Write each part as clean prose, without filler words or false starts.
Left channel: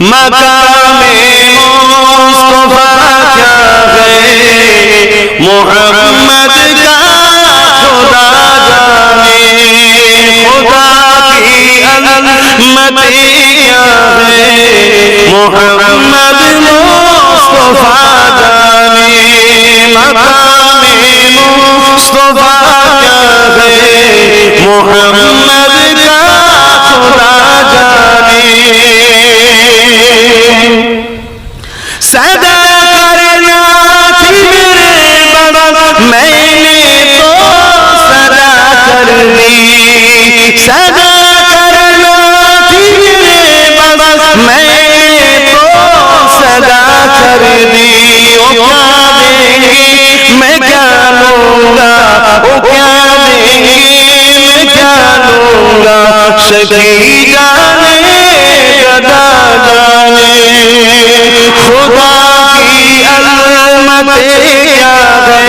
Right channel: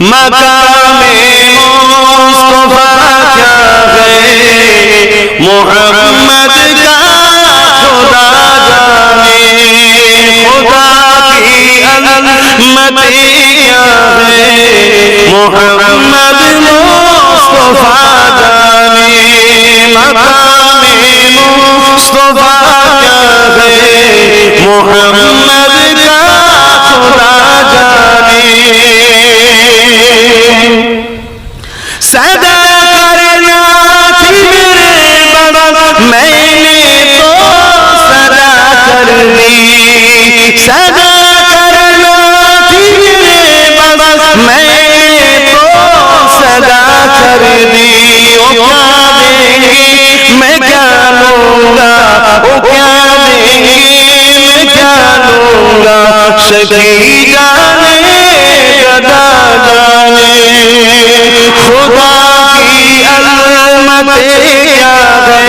मकामे मुस्तफा क्या है मोहम्मद का खुदा जाने खुदा की अज़मत क्या है मोहम्मद मुस्तफा जाने मकामे मुस्तफा क्या है मोहम्मद का खुदा जाने सदा करना थी मेरे बड़ा मैंने तो सदा कर दी सदा करना थी मेरे बड़ा मैंने तो सदा कर दी ओ क्या देंगे मैं क्या लूंगा ओ क्या देंगे मैं क्या लूंगा सखी जाने गदा जाने खुदा की अज़मत क्या है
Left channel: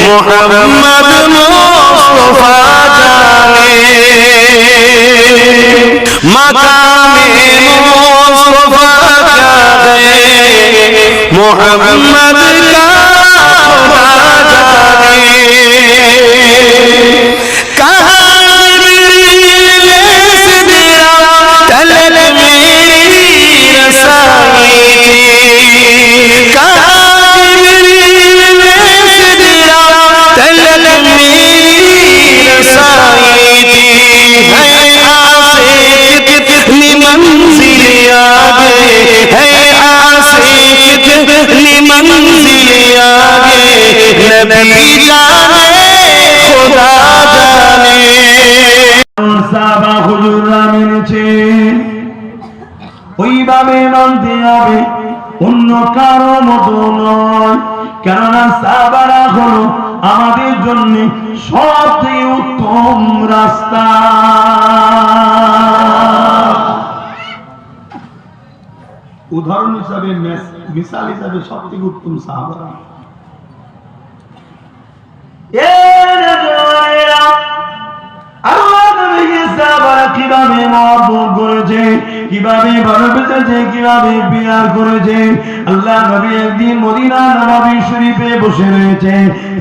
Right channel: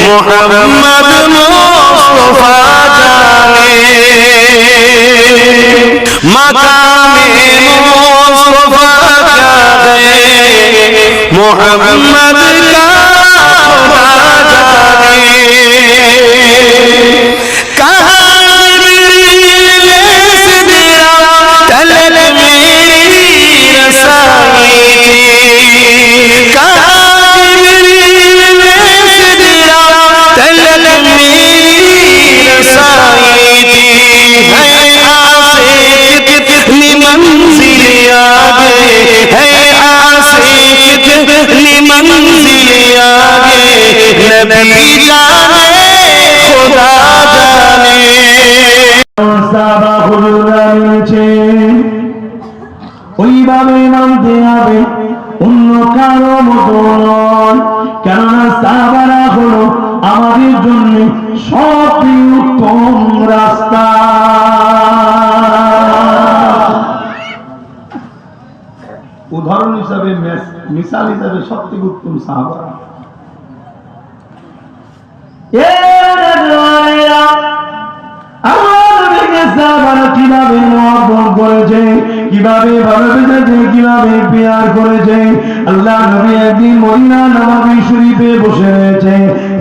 मोहम्मद मुस्तफा जाने मकामे मुस्तफा क्या है मोहम्मद का खुदा जाने कहाँ तलब मेरी रसाई थी कहाँ तलब मेरी रसाई थी है आसे कितनी मंजिल आगे है आसे कितनी मंजिल आगे नबी जाने खुदा जाने সাহাবা হুজুররা মেনেছে ওইভাবে মানতে হবে অন্য কারো মতো নয় কেননা সাহাবারা হলো আমাদের জন্য সবচেয়ে উত্তম রাস্তা উদাহরণ হিসাবে মিসাল হিসাবে সবচেয়ে উত্তম সাহাবা কিভাবে মহব্বত করেছে কিভাবে ভালোবেসেছে কিভাবে প্যার করেছে আল্লাহ নবী একদিন মদিনা নববী শরীফে বসে রয়েছে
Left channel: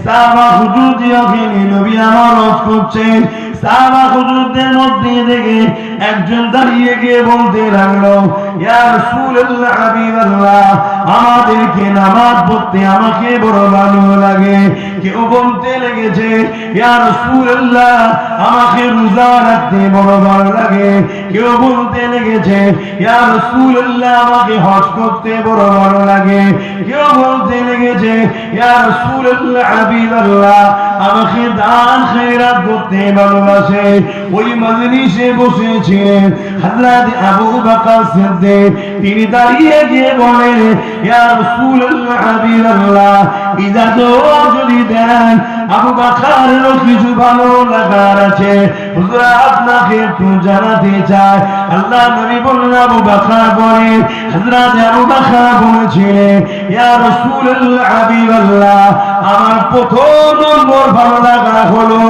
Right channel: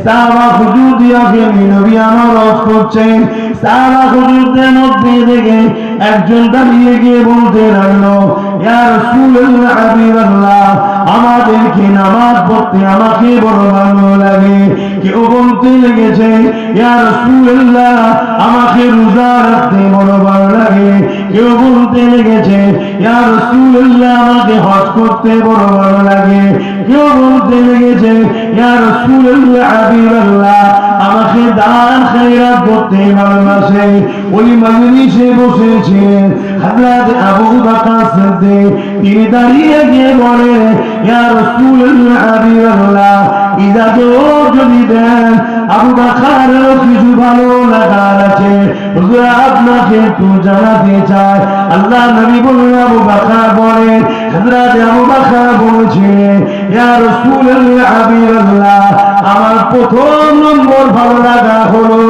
সাহাবা হুজুরদেরকে নবী আনারত করছেন সাহাবা হুজুরদের মধ্যে থেকে একজন দাঁড়িয়ে গিয়ে বলতে লাগলো ইয়া রাসূলুল্লাহ হাবিবাল্লাহ আমাদেরকে নামাজ পড়তে আমাকে বড় ভালো লাগে কেউ বলতে লেগেছে ইয়া রাসূলুল্লাহ আমাকে রোজা রাখতে বড় ভালো লাগে কেউ বলতে লেগেছে ইয়া রাসূলুল্লাহ আমাকে হজ করতে বড় ভালো লাগে কেউ বলতে লেগেছে ইয়া রাসূলুল্লাহ হাবিবাল্লাহ আমাকে দান খয়রাত করতে ভালোবাসে ওই মজলিসে বসেছিলেন হযরত আবু বকর সিদ্দিক তিনি দাঁড়িয়ে গিয়ে বলেন ইয়া রাসূলুল্লাহ হাবিবাল্লাহ ইজাজত যদি দেন আবু বকরের কিছু ভালো লাগার আছে হুজুর আপনাকে একটু জানাতে চাই আল্লাহ নবী বললেন আবু বকর বলেন হযরত আবু বকর বলেছিলেন ইয়া রাসূলুল্লাহ হাবিবাল্লাহ আমার প্রথম নম্বর ভালো লাগা হলো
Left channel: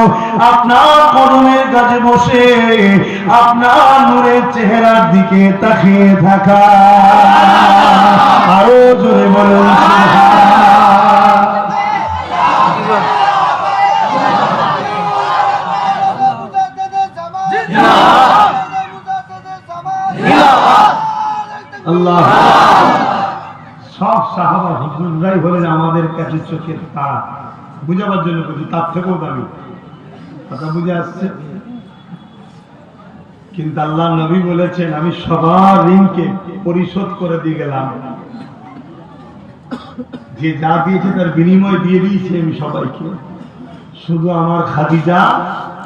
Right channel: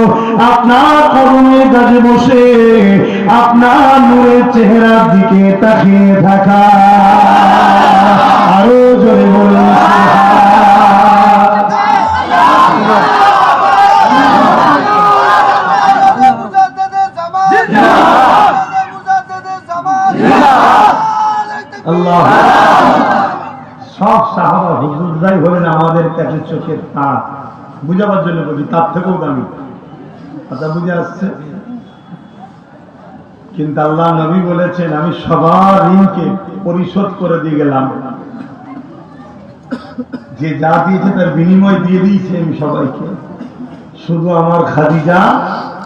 আপনার কদমের কাছে বসে আপনার নূরের চেহারার দিকে তাকিয়ে থাকা আরো জোরে বলুন আল্লাহ সব সাহাবা হুজুররাই হলেন আমাদের কাছে চোখের তারা বুঝাবার জন্য বলি তার থেকেও দামি কথা বুঝে আসছে কিন্তু আল্লাহ নবী বলেছেন আমি সবার ঋণকে পরিশোধ করে দিয়ে গেলাম যে যা দিয়েছে তার বিনিময় দিয়ে দিয়েছি আমি সবাইকে শুধু আমার খাদিজা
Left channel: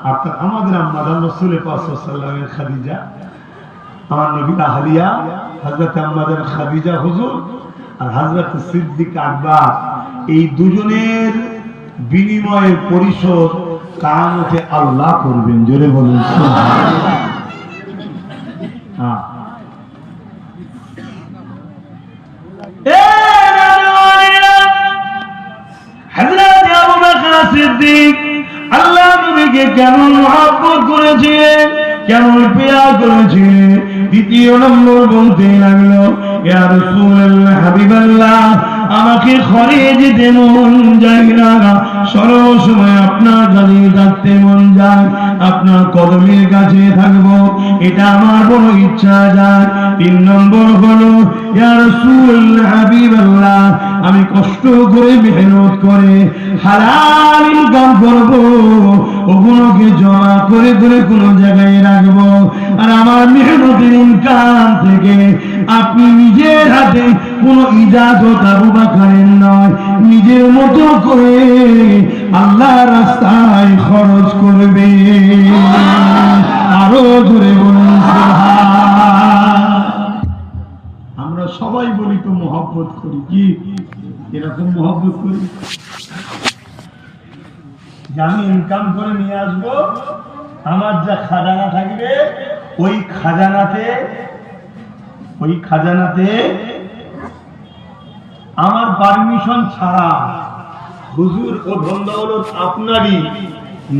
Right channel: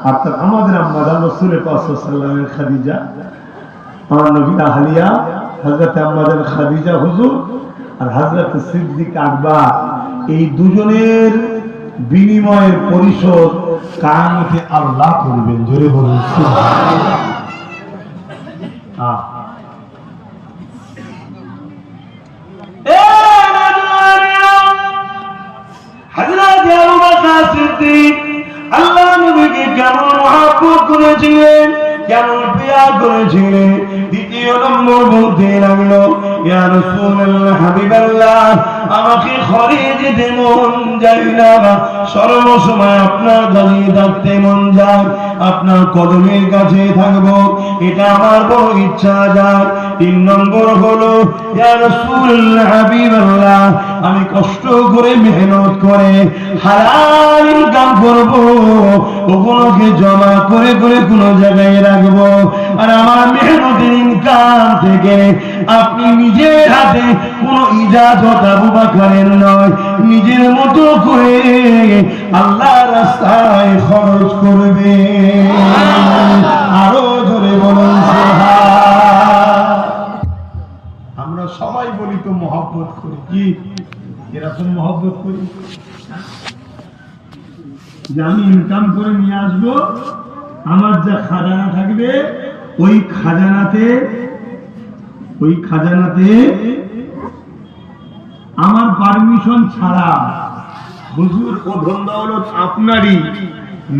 অর্থাৎ আমাদের আম্মা রাসূল পাক সাল্লাল্লাহু আলাইহি ওয়াসাল্লামের খাদিজা আমার নবী আহলিয়া হযরত আমাদের খাদিজা হুজুর আর হযরত সিদ্দিক আকবর এই দুজনের বিনিময়ের পরিশোধ কিয়ামতে আল্লাহ করবেন জোরে বলুন সুবহানাল্লাহ হযরত আবু বকর সিদ্দিক আল্লাহ নবীকে কেমন মহব্বত করেছিলেন কেমন প্রিয় করেছিলেন দ্বিতীয় নম্বর বলতে লাগলো, ইয়া রাসূলুল্লাহ, হাবিবাল্লাহ, আমাকে ঘরে যেতে মন যায় না, সর্বসময় আপনার কাছে থাকতে মন যায়, আপনার কদমের কাছে থাকবো, এটা আমার বড় ইচ্ছা যায়। তিন নম্বর হলো, ইয়া রাসূলুল্লাহ, হাবিবাল্লাহ, আমি কষ্ট করে মেহনত করে হালাল ইনকাম করবো, ওগুলোকে জমা করে করে কোনো জায়গায় রাখবো, আর আমার মেহনতের ইনকাম থেকে আপনি নিজের হাতে কোনো ইজাজত আবু বকরের নয়, নিজের মতো করে আল্লাহর রাস্তায় খরচ করবে। আরো জোরে বলুন সুবহান। আমরা সবাই বলি তো মহব্বত করি, কি এরকম মহব্বত করি যে আমি ইনকাম করে নিয়ে আসবো, আমার যা খাজানা থাকবে ওই খাজানাতে আমার পারমিশন ছাড়া হুজুর ও ধন দৌলত আপনারই,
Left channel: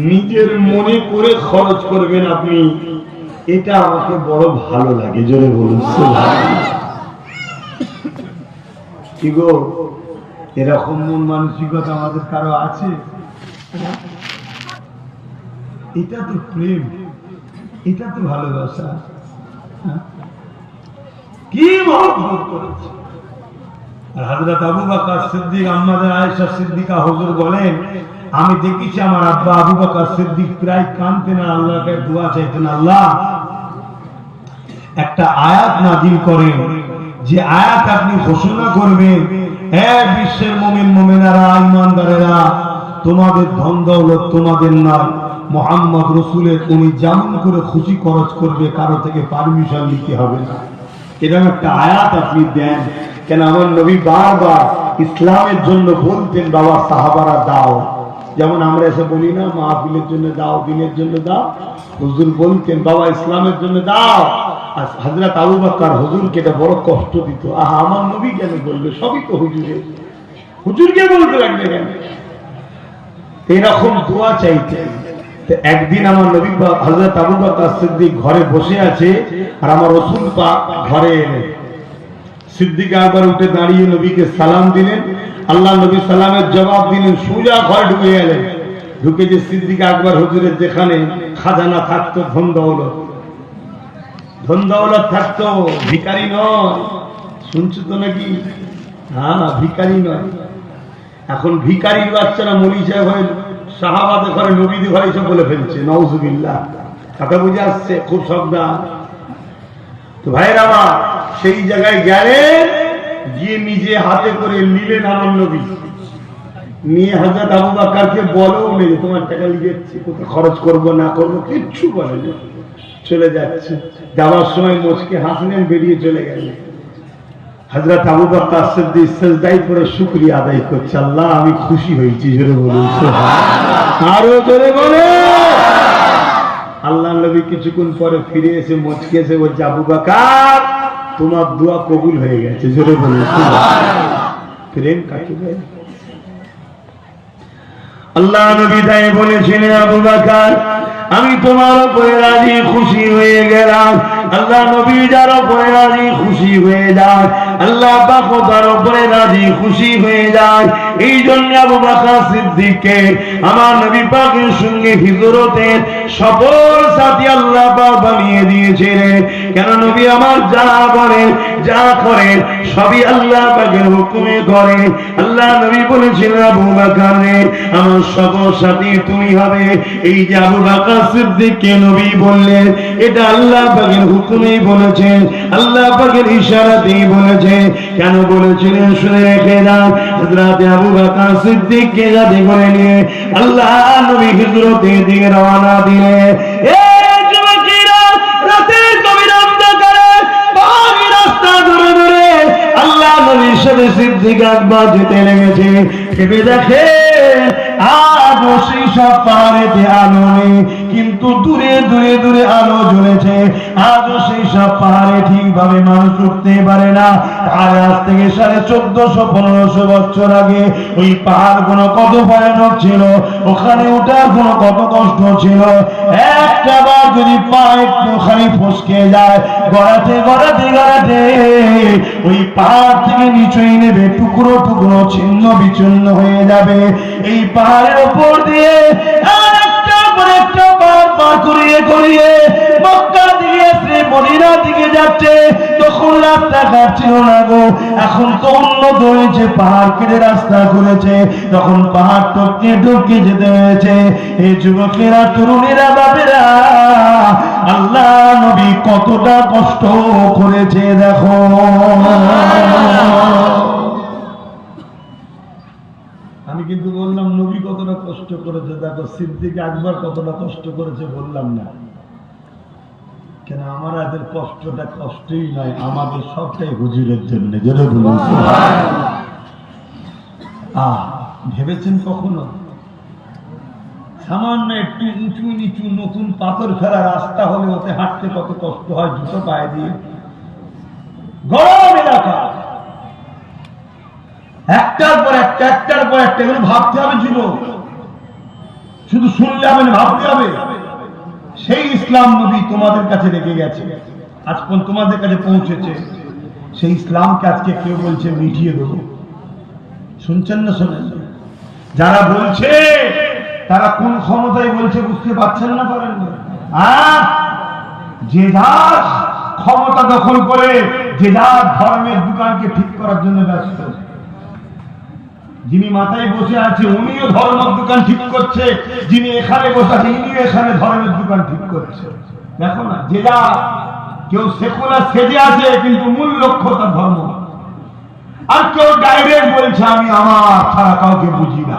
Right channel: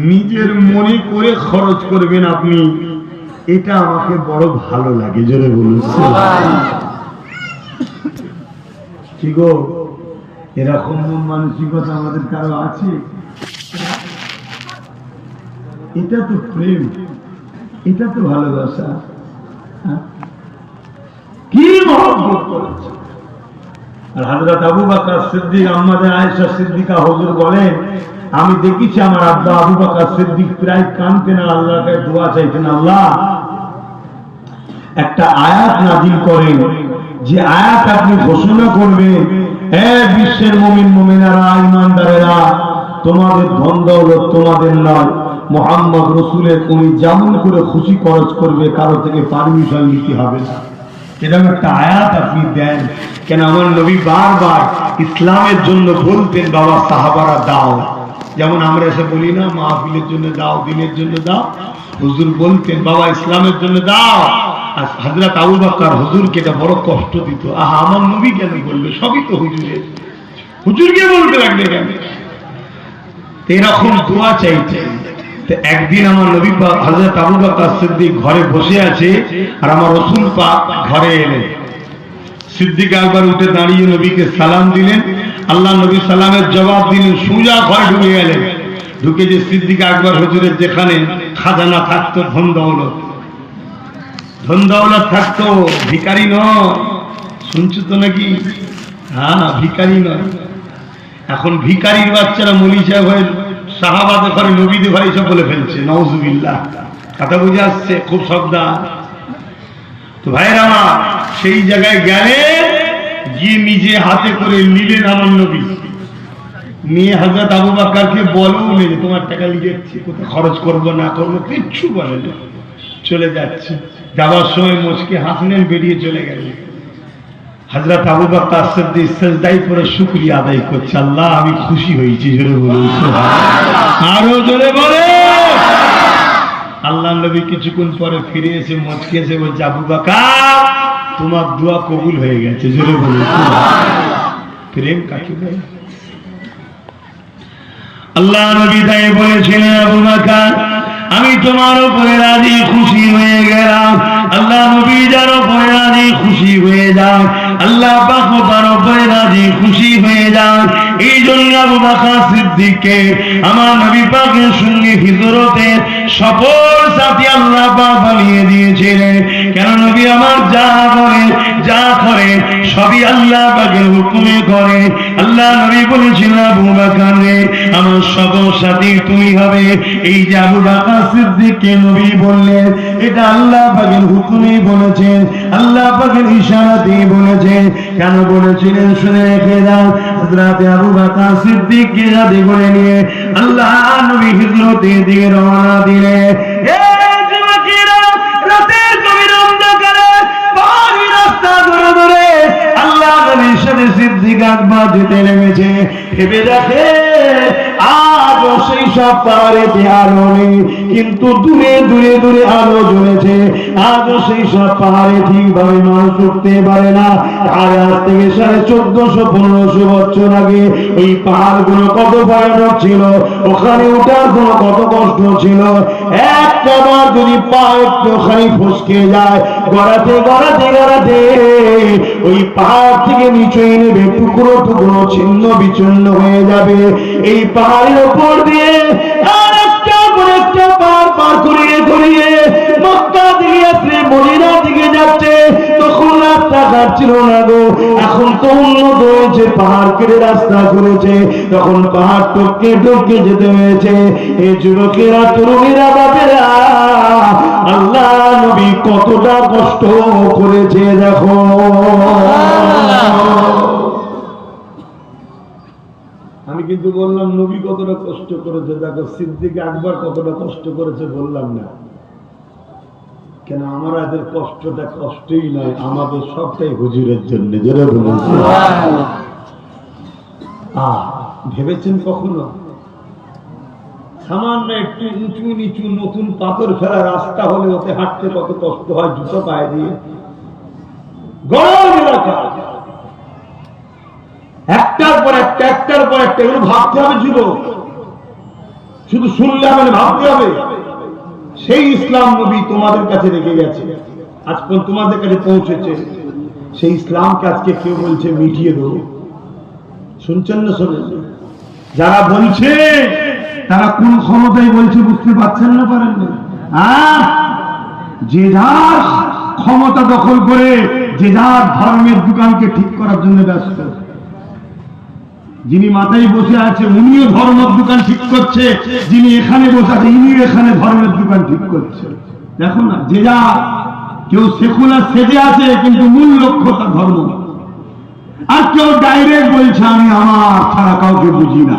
নিজের মনে করে খরচ করবেন আপনি, এটা আমাকে বড় ভালো লাগে। জোরে বলুন কি গো, এরকম মানসিকতা আমাদের কারো আছে? এটা তো প্রেম, এটা তো ভালোবাসা। কি মহব্বত করেছে। আর হযরত আবু বকর সিদ্দিক, আমাদের আয়েশা সিদ্দিকা হুজুর বলেন, আমি দেখেছি আমার আব্বা আবু বকর সিদ্দিক প্রায় কাঁদতেন আর আল্লাহর কাছে দোয়া চাইতেন, আল্লাহ একটা আয়াত নাযিল করেন, যে আয়াত আপনি ঘোষণা করবেন, হে বিশ্বের মুমিন মুমিনারা, ঈমানদারেরা, তোমাদের ধন দৌলত তোমাদের নয়, মুহাম্মদ রাসূলের, তুমি যেমন করে খুশি খরচ করবে, কারো থেকে পারমিশন নিতে হবে না। এরকম একটা আয়াত আপনি দেন কেন? আমার নবী বারবার ইসলামের জন্য বলতেন, বাবা সাহাবারা দাও, যেমন আমরা এসে বলি না মাহফিলের জন্য দাও, দিনের জন্য দাও, হুজুর বলতেন বাবা ইসলামের জন্য দাও। আর হযরত আবু বকর হুজুরকে এটা বড় কষ্ট দিত, আহা আমার নবী কেন বলবে, সবই তো হুজুরের, হুজুরকে বলতে লাগবে কেন? এরকম দোয়া চাইতেন। একদিন আমার নবী পাক হযরত আবু বকর সিদ্দিক ঘরে বসে আছে, আর আমার রাসূল পাক ঘরে এলেন। সিদ্দিক একবার উঠে দাঁড়িয়ে নবীকে সালাম দিলেন, আল্লাহ নবী সালামের জবাব দিলেন, সোজা ঘরে ঢুকে গেলেন। ঢুকে যে সিদ্দিক একবার হুজুরের যেখানে খাজানা থাকতো, ধন দৌলত থাকতো, ভিখারি নয়, শুনছো তো নাকি? হ্যাঁ, ভিখারি নয়। এখন ভিখারির বাচ্চারা মৌলী সাহেব হয়ে সাহাবাদের ঘরে, নবীদের ঘরে এসব বলে ফেলছে, নাউজুবিল্লাহ। কথা বুঝে আসছে? খুব সাবধান। তো ভাইরা আমার, সেই জায়গায় গেলে গিয়ে নিজে হাতে করে নিলেন আমার নবী, নিয়ে হযরত আবু বকরকে বলেও যে তোমার টাকা লিখেছি, কোথায় খরচ করবো না করবো কিচ্ছু বলে না, চলে যাচ্ছে। যাওয়ার সময় মুচকে হাসলেন, বেরিয়ে চলে গেলেন। হযরত আবু বকর সিদ্দিক সিজদায় পড়ে শুকরিয়া আদায় করছে, আল্লাহ আমি খুশি হয়েছি। জোরে বলুন সুবহানাল্লাহ। আরো জোরে বলে। আল্লাহ নবী কিছুক্ষণ পরে ফিরে এসে মুচকে এসে বলছে, আবু বকর তোমার দোয়া কবুল হয়ে গেছে। জোরে বলুন সুবহানাল্লাহ। প্রেম কাকে বলে? আল্লাহ নবী তাই বলেছিলেন, আবু বকর আমি তোমার উপরে রাজি খুশি হয়ে গেলাম। আল্লাহ নবী যার উপরে রাজি খুশি হয়ে যায়, আল্লাহ পাক তার উপরে রাজি খুশি হয়ে যায়। এই জন্য আবু বকর সিদ্দিককে আমার নবী পাকের সঙ্গে হিজরতের সফর সাথী আল্লাহ পাক বানিয়ে দিয়েছিলেন। কেন? নবী আমার যা বলেন যা করেন সবই আল্লাহ পাকের হুকুমে করে। আল্লাহ নবী বলেছিলেন, আবু বকর রে আমার সফর সাথী তুমি হবে। এই যে আবু বকর সিদ্দিককে নবী বললেন, এটা আল্লাহ পাকের হুকুমেই বলেছেন, আল্লাহ পাকের ইশারাতেই বলেছেন। কেন বলেছিলেন শুনে রেখে যান। হযরত আবু বকর সিদ্দিককে সাথে করে নিয়ে আল্লাহ নবী হিজরতের দিকে রওনা দিলেন। এই যুবকেরা রাতের গভীর অন্ধকারে পাহাড়ি রাস্তা ধরে ধরে আল্লাহ নবীর সাথে সিদ্দিক আকবর যেতে লেগেছে। ভেবে দেখে আর সেই সব পাহাড়েতে আলো নেই, কিন্তু দূরে দূরে দূরে আলো জ্বলেছে। আজও সেই সব পাহাড়ে ঠিকভাবে মানুষ উঠতে পারে না। আর আজ থেকে 1450-1500 বছর আগে ওই পাহাড়গুলো কত ভয়ানক ছিল, ওখানে ওঠার কোনো কত কষ্ট ছিল। একটা বার যদি পা একটুখানি ফসকে যায়, গড়াতে গড়াতে গড়াতে ওই পাহাড় থেকে নিচুই নেবে, টুকরো টুকরো ছিন্ন বিচ্ছিন্ন হয়ে যাবে। এই পাহাড়ের উপর দিয়ে আর একটা করে একটা পাহাড় পার করিয়ে করিয়ে মক্কা দিকে আসলে মদিনার দিকে যাচ্ছে। তখন রাস্তাঘাট ছিল না গো, এখন তো উন্নত হয়েছে, পাহাড় কেটে রাস্তা করেছে, তখন পাহাড় টপকে টপকে যেতে হয়েছে। এই যুবকেরা, তরুণীরা, বাপেরা, আল্লাহ নবী কতটা কষ্ট করেছে দেখো। আমি কিন্তু বললাম নবী কতটা কষ্ট করেছে দেখো, সিদ্দিক আকবর কতটা কষ্ট করেছে বললাম না কেন? আমাদের কষ্টটা কষ্টই নয়, আমাদের সবটাই হুজুরের জন্য। জোরে বলুন ভেবেছেন কখনো সামান্য একটু উঁচু নিচু নতুন পাথর ফেলা রাস্তা হলে ওতে হাঁটতে কত কষ্ট হয়, জুতো পায়ে দিয়ে, গরম এলাকা, একটার পর একটা একটার পর একটা, এগুলো ভাবতে হবে ছিল, শুধু শুনলে হবে না, ভাবতে হবে। সেই ইসলাম নবী তোমাদের কাছে রেখে গেছে, আজ তোমাদের কাছে পৌঁছেছে। সেই ইসলামকে আজকে কেউ বলছে মিটিয়ে দেবো। শুনছেন না শোনেন? যারা বলছে তারা কোন ক্ষমতায় বলছে বুঝতে পারছেন না, পারেন না? যে যার ক্ষমতা দখল করে যে যার ধর্মের দোকানকে ঠিক করার জন্য ব্যস্ত। যিনি মাথায় বসে আছে উনিও ধর্মের দোকান ঠিক করছে, যিনি এখানে বসে আছে ইনিও এখানে ধর্মের দোকান ঠিক করছে। দেখো না, যে যা, কেউ সেকুলার সেজে আছে কিন্তু মূল লক্ষ্য তার ধর্ম। আর কেউ ডাইরেক্ট বলছে আমি আমার ছাড়া কাউকে বুঝি না।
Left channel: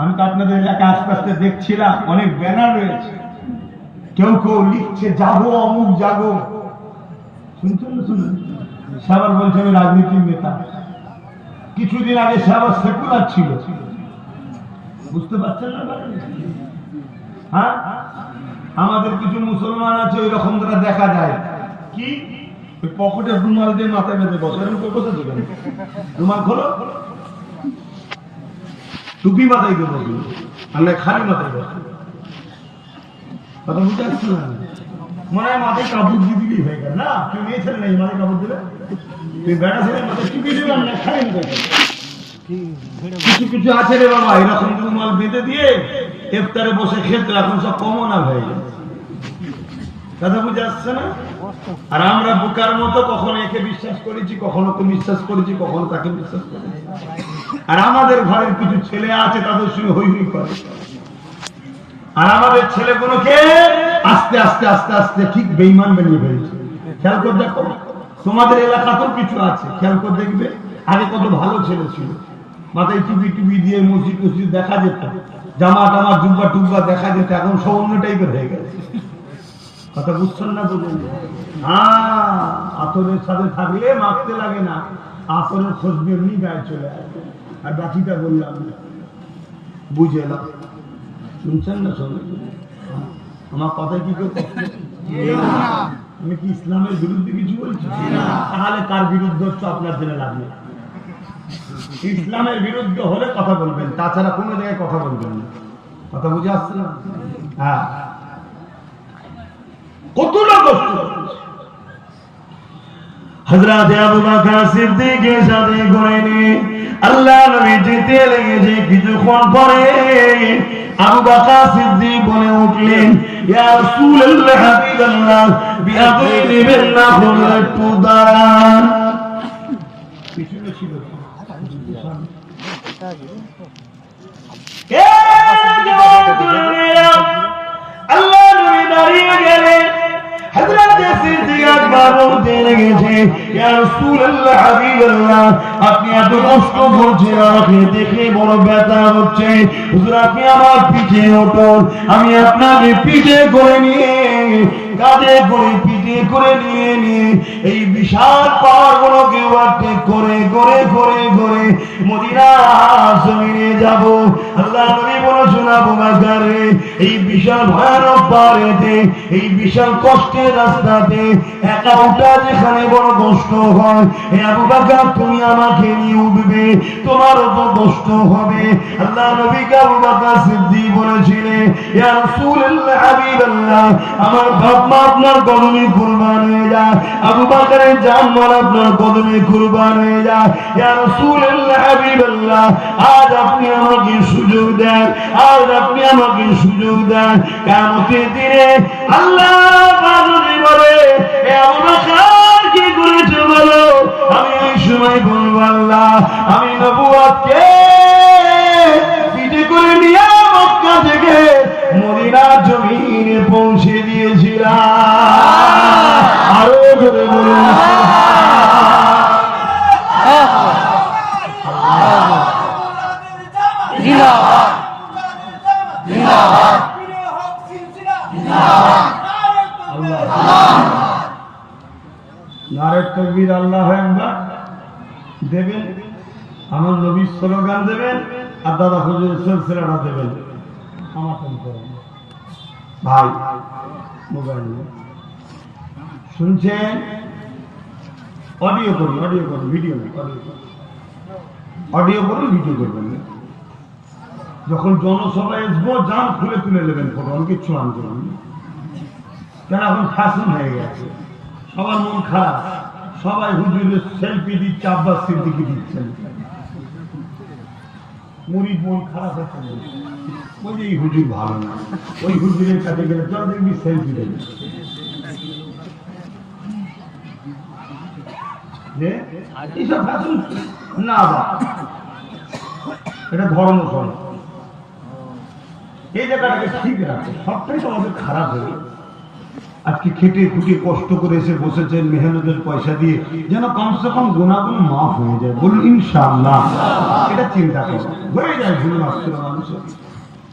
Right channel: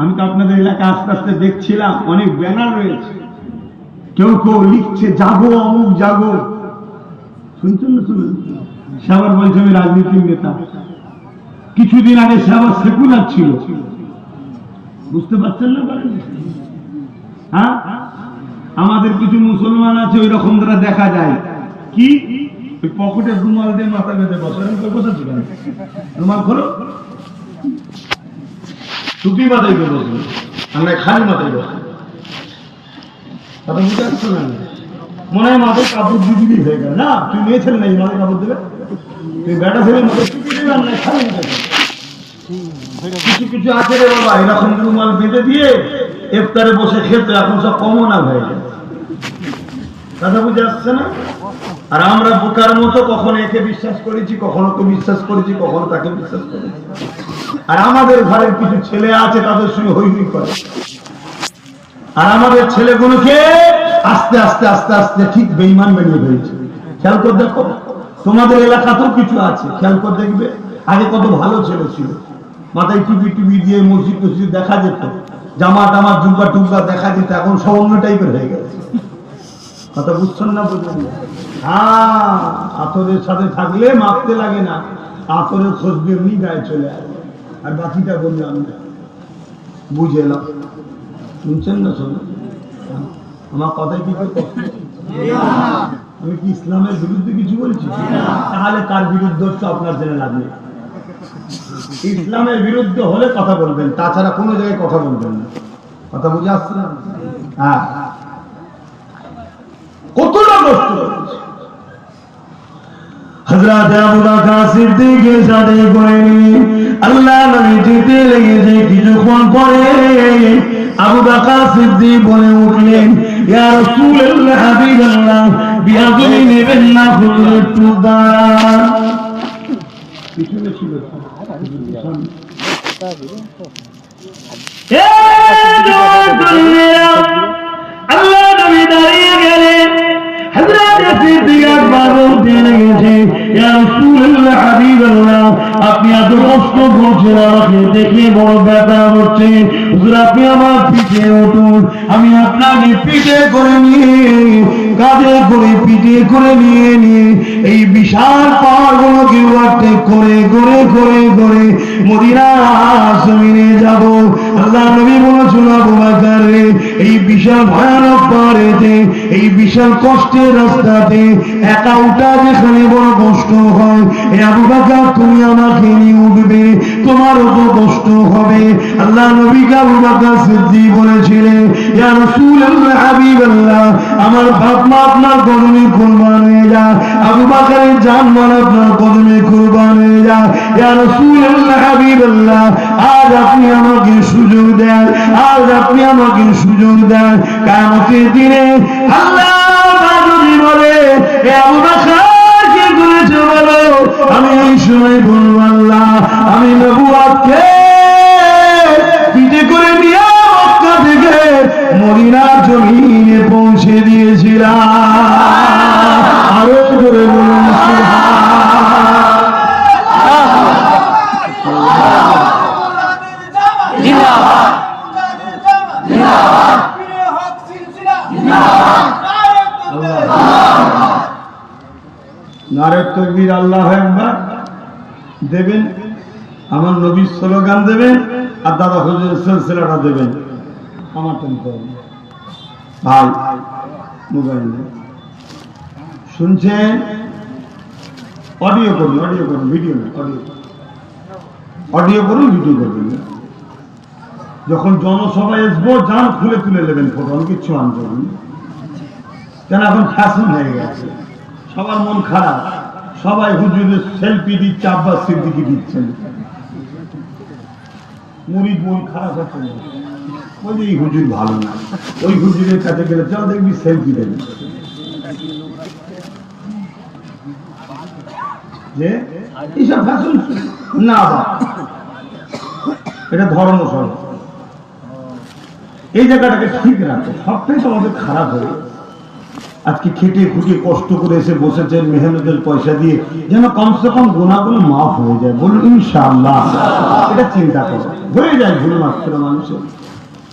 আমি তো আপনাদের এলাকায় আস্তে আস্তে দেখছিলাম অনেক ব্যানার রয়েছে, কেউ কেউ লিখছে জাগো অমুক জাগো। শুনছেন না? শুনুন, সে আবার বলছে আমি রাজনীতির নেতা। কিছুদিন আগে সে আবার সেকুলার ছিল। বুঝতে পারছেন না? হ্যাঁ, আমাদের কিছু মুসলমান আছে ওই রকম দ্বারা দেখা যায় কি ওই পকেটে রুমাল দিয়ে মাথা বেঁধে বসে। বসেছে কেন? রুমাল খোলো, টুপি মাথায় করে বসে, আমরা খালি মাথায় বসে। কথা বুঝতে পারছো না? মনে হয় মাথায় কাপড় দিবি হয়ে গেল না? তুই মেয়ে ছেলে নাই মাথায় কাপড় দেবে, তুই বেটা ছেলে মাথায় টুপি দেবে আর না খালি দেবে। কিছু কিছু আছে রে বাবা এরকম রুমাল বেঁধে দিয়ে ইফতারে বসে খেতে, এখন সব কমন হয়ে যায়। কথা বুঝে আসছে না? আর আমরা বোকার মতো কখনো একে বিশ্বাস করেছি, কখনো তো বিশ্বাস করেছি, কখনো তাকে বিশ্বাস করেছি। আর আমাদের ঘরের কিছু ছেলে আছে তাদের সঙ্গে হই হই করে। আর আমাদের ছেলেগুলোকে আস্তে আস্তে আস্তে আস্তে ঠিক বেঈমান বানিয়ে ফেলছে। খেয়াল করে দেখো, তোমাদের এলাকাতেও কিছু আছে, খেয়াল করে দেখবে। আগে কত ভালো ছেলে ছিল, মাথায় টুপি টুপি দিয়ে মসজিদ টসজিদ দেখা যেত, জামা টামা জুব্বা টুব্বা দেখা যেত। এখন সব অন্য টাইপের হয়ে গেছে। কথা বুঝছেন না? বুঝুন। আতরের সাথে থাকলে মাপতে লাগে না, আতরের খুশবু এমনি গায়ে চলে আসে। আর বাকিটা বললাম না, বুঝে এলাম। শুনছেন না? শোনেন আমার কথায় কি আমি কি ইসলামের বিরুদ্ধে কিছু বলছি? তাহলে তার বিরুদ্ধে তো আপনার জেনে লাভ নেই। ইসলামের বিরুদ্ধে হলে কথা বলবেন, তাছাড়া কোনো জায়গায় কথা বলবেন না। কথা বুঝে আসছে না? হ্যাঁ, কতটা কষ্ট হযরত আবু বকর সিদ্দিকের সাথে করেনি। আল্লাহ নবী যেতে লেগেছে, কিছুক্ষণ পরে আবু বকর সিদ্দিক বলে উঠলেন, ইয়া রাসূলুল্লাহ, হাবিবাল্লাহ, বিয়াগুলি নেবেন না, একটু দাঁড়ান। পিছনে ছিল আল্লাহ নবী দাঁড়িয়ে গেলেন। হযরত সিদ্দিক আকবর বলতে লেগেছে, ইয়া রাসূলুল্লাহ, হাবিবাল্লাহ, আপনি এত কষ্ট করছেন, আমাকে দেখে বড় ব্যথা হচ্ছে। হুজুর, আপনি আমার পিঠে উঠুন, আমি আপনাকে পিঠে করে নিয়ে, কাঁধে করে পিঠে করে নিয়ে এই বিশাল পাহাড়গুলোকে ওভারটেক করে করে করে করে মদিনার জমিনে যাব। আল্লাহ নবী বলেছেন, বাজার রে, এই বিশাল ভয়ানক পাহাড়েতে, এই বিশাল কষ্টের রাস্তাতে একা উঠা যেখানে বড় কষ্ট হয়, এ আবু বকর তুমি আমাকে নিয়ে উঠবে, তোমারও তো কষ্ট হবে। আল্লাহ নবী আবু বকর সিদ্দিক বলেছিলেন, ইয়া রাসূলুল্লাহ হাবিবাল্লাহ, আমার বাপ মা আপনার কদমে কুরবান হয়ে যায়, আবু বকরের জান মাল আপনার কদমে কুরবান হয়ে যায়। ইয়া রাসূলুল্লাহ হাবিবাল্লাহ, আজ আপনি আমাকে সুযোগ দেন, আজ আপনি আমাকে সুযোগ দেন, কিয়ামতের দিনে আল্লাহ যদি বলে এ আবু বকর কি করেছো বলো, আমি এই সময় বলবো আল্লাহ আমি নবুয়তকে পিঠে করে নিয়ে মক্কা থেকে মদিনার জমিনে পৌঁছে দিয়েছিলাম। আরো জোরে বলুন নারে তাকবীর, আল্লাহু আকবার দেবেন, আমার নবীর স্লোগান দেবেন, আর দাদা হুজুরের সিলসিলাটা দেবেন। আমার টান করেন ভাই, মোবাইল শুনছেন? অডিও করুন, অডিও করুন, ভিডিও না, অডিও করুন, ভিডিও করবেন না। যখন জনসভায় আসবো যান খুলে তুলে নেবেন ফটো, আমি কিচ্ছু আন করবেন কেন, এখন ফ্যাশন হয়ে গেছে, সবার মন খারাপ, সবাই হুজুরের সেলফি দিচ্ছে, আব্বাস সিদ্দিকী দিচ্ছেন, মুরিদ মন খারাপ হচ্ছে, বলছে এই হুজুর ভালো না, ওই হুজুরের কাছে গেলে চল দেখবি সেলফি দেবে, যে এইসব ফ্যাশন না, এটা ধর্ম সব, এই জায়গাটাকে ঠিক রাখে, সবটাই তো আমাদের খারাপ হয়ে আজকে খেটে খুঁটে কষ্ট করে এসে বসেছেন মেহনতের পয়সা দিয়ে, যেন কমসে কম গুনাহগুলো মাফ হয়ে যায়, বলুন ইনশাআল্লাহ। এটা চিন্তা করে হয়ে যায় ভুল মাত্র মানুষের,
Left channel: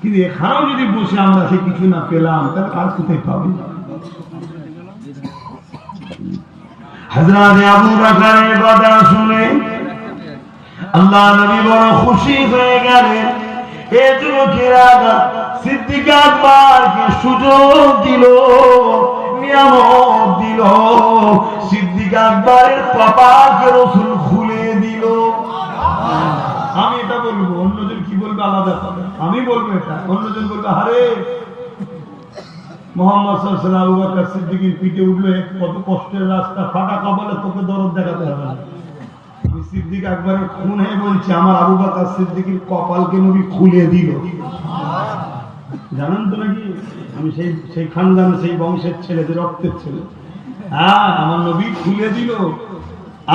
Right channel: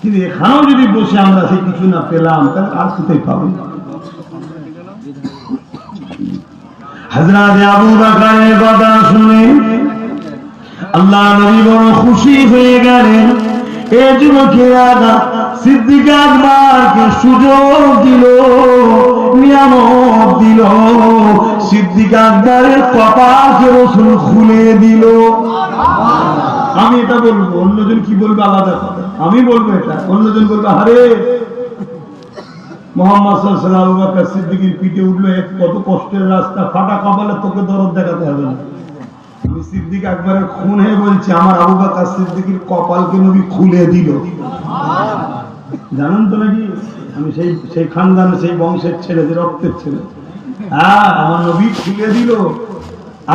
কিন্তু এখানেও যদি বসে আমরা সে কিছু না পেলাম তাহলে আর কোথায় পাবো? হযরত আবু বকরের কথা শুনে আল্লাহ নবী বড় খুশি হয়ে গেলেন। এই যুবকেরা সিদ্দিক আকবরকে সুযোগ দিল, নিয়ামত দিল, সিদ্দিক আকবরের কপালকে রাসূল খুলে দিল। আমি এটা বলবো, অন্যজন কি বলবে আলাদা কথা, আমি বলবো এটা, অন্যজন বলবে আরে মুহাম্মদ সাল্লাল্লাহু আলাইহি ওয়াসাল্লাম আবু বকর সিদ্দিকের পিঠে উঠলো, কত কষ্টের রাস্তা, ফাটা কপালে, তোকে দরদ দেখাতে হবে না। আমি সিদ্দিক আকবরের খুন হয়ে বলছি, আমার আবু বকর সিদ্দিকের কপালকে নবী খুলে দিল। জানেন তো নাকি আমি সেই খানদান, সেই বংশের ছেলে, যে রক্তের ছেলে, হ্যাঁ আমার নবী খুলে দিল।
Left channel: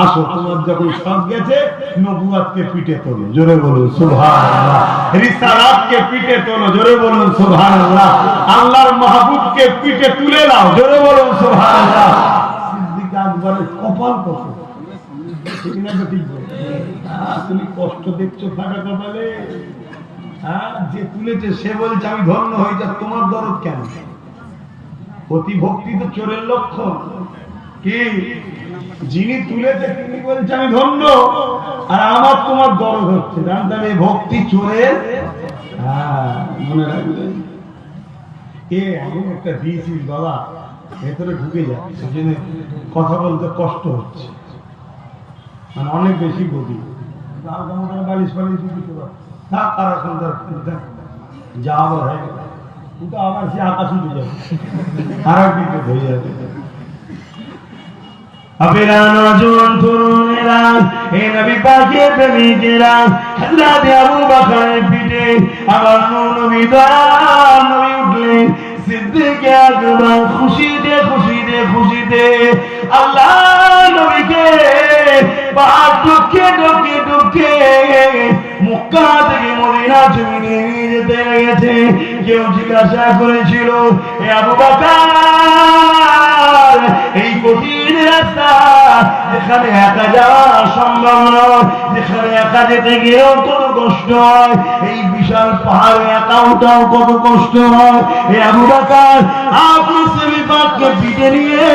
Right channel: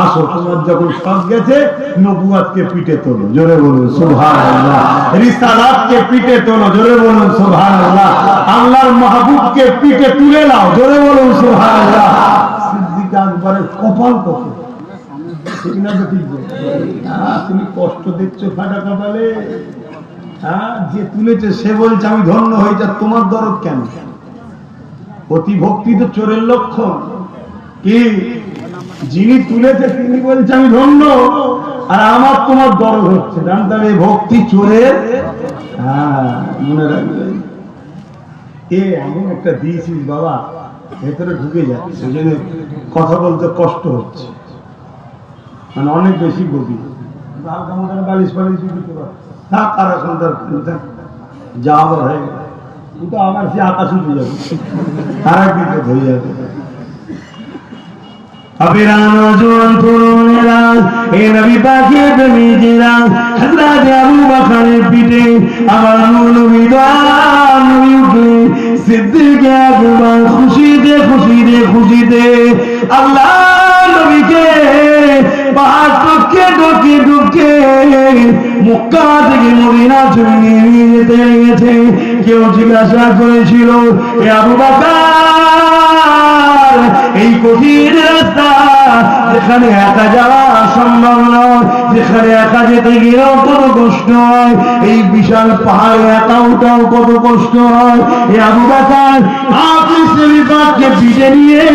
আসো তোমার যখন সব গেছে, নবুয়তকে পিঠে তোলো, জোরে বলুন সুবহানাল্লাহ। রিসালাতকে পিঠে তোলো, জোরে বলুন সুবহানাল্লাহ। আল্লাহর মাহবুবকে পিঠে তুলে নাও, জোরে বলুন সুবহানাল্লাহ। সিদ্দিক আকবরের কপাল কত, ঠিক না বেঠিক? তুমি কষ্ট দেখছো ফাটা কপালে, যে তুলেছে সে বলছে আমি ধন্য হয়ে যা, তোমার দরদ কেন? অতি ভক্তি তো চোরের লক্ষণ। কি যিনি তুলেছে তিনি বলছে আমি ধন্য, আর আমার তোমার দরদ হচ্ছে, জানতাম এই ভক্তি চোরের। মনে রাখবেন, এমন একটা দিয়েছিস বাবা, ভেতরে ঢুকে যাচ্ছে, সেজন্য কথা বলতে কষ্ট হচ্ছে, মানে অনেক বেশি গভীর। বালিশ ফালিশ যা আবার হয়ে গেল, কিন্তু আবার সে আকাশ উঠে যাবে, আর এক বিপদ হয়ে যাবে। পিঠে আবার সিদ্দিক আকবর খুশিতে খুশিতে খুশিতে আল্লাহ নবীকে পাহাড় টুকে ঢুকে ঢুকে মক্কা থেকে মদিনা জমিনে নিয়ে যেতে লেগেছে। কেউ জিজ্ঞাসা করেছিল, এ আবু বকর, এই কঠিন রাস্তা যেখানে একা যাওয়া সম্ভব নয়, যেখানে একা যেতে গিয়েও কত কষ্ট হয়, এই বিশাল পাহাড়ে একা ওঠাও কত কষ্ট হয়, এ আবু বকর আপনি সেলিফাতকে পিঠে নিয়ে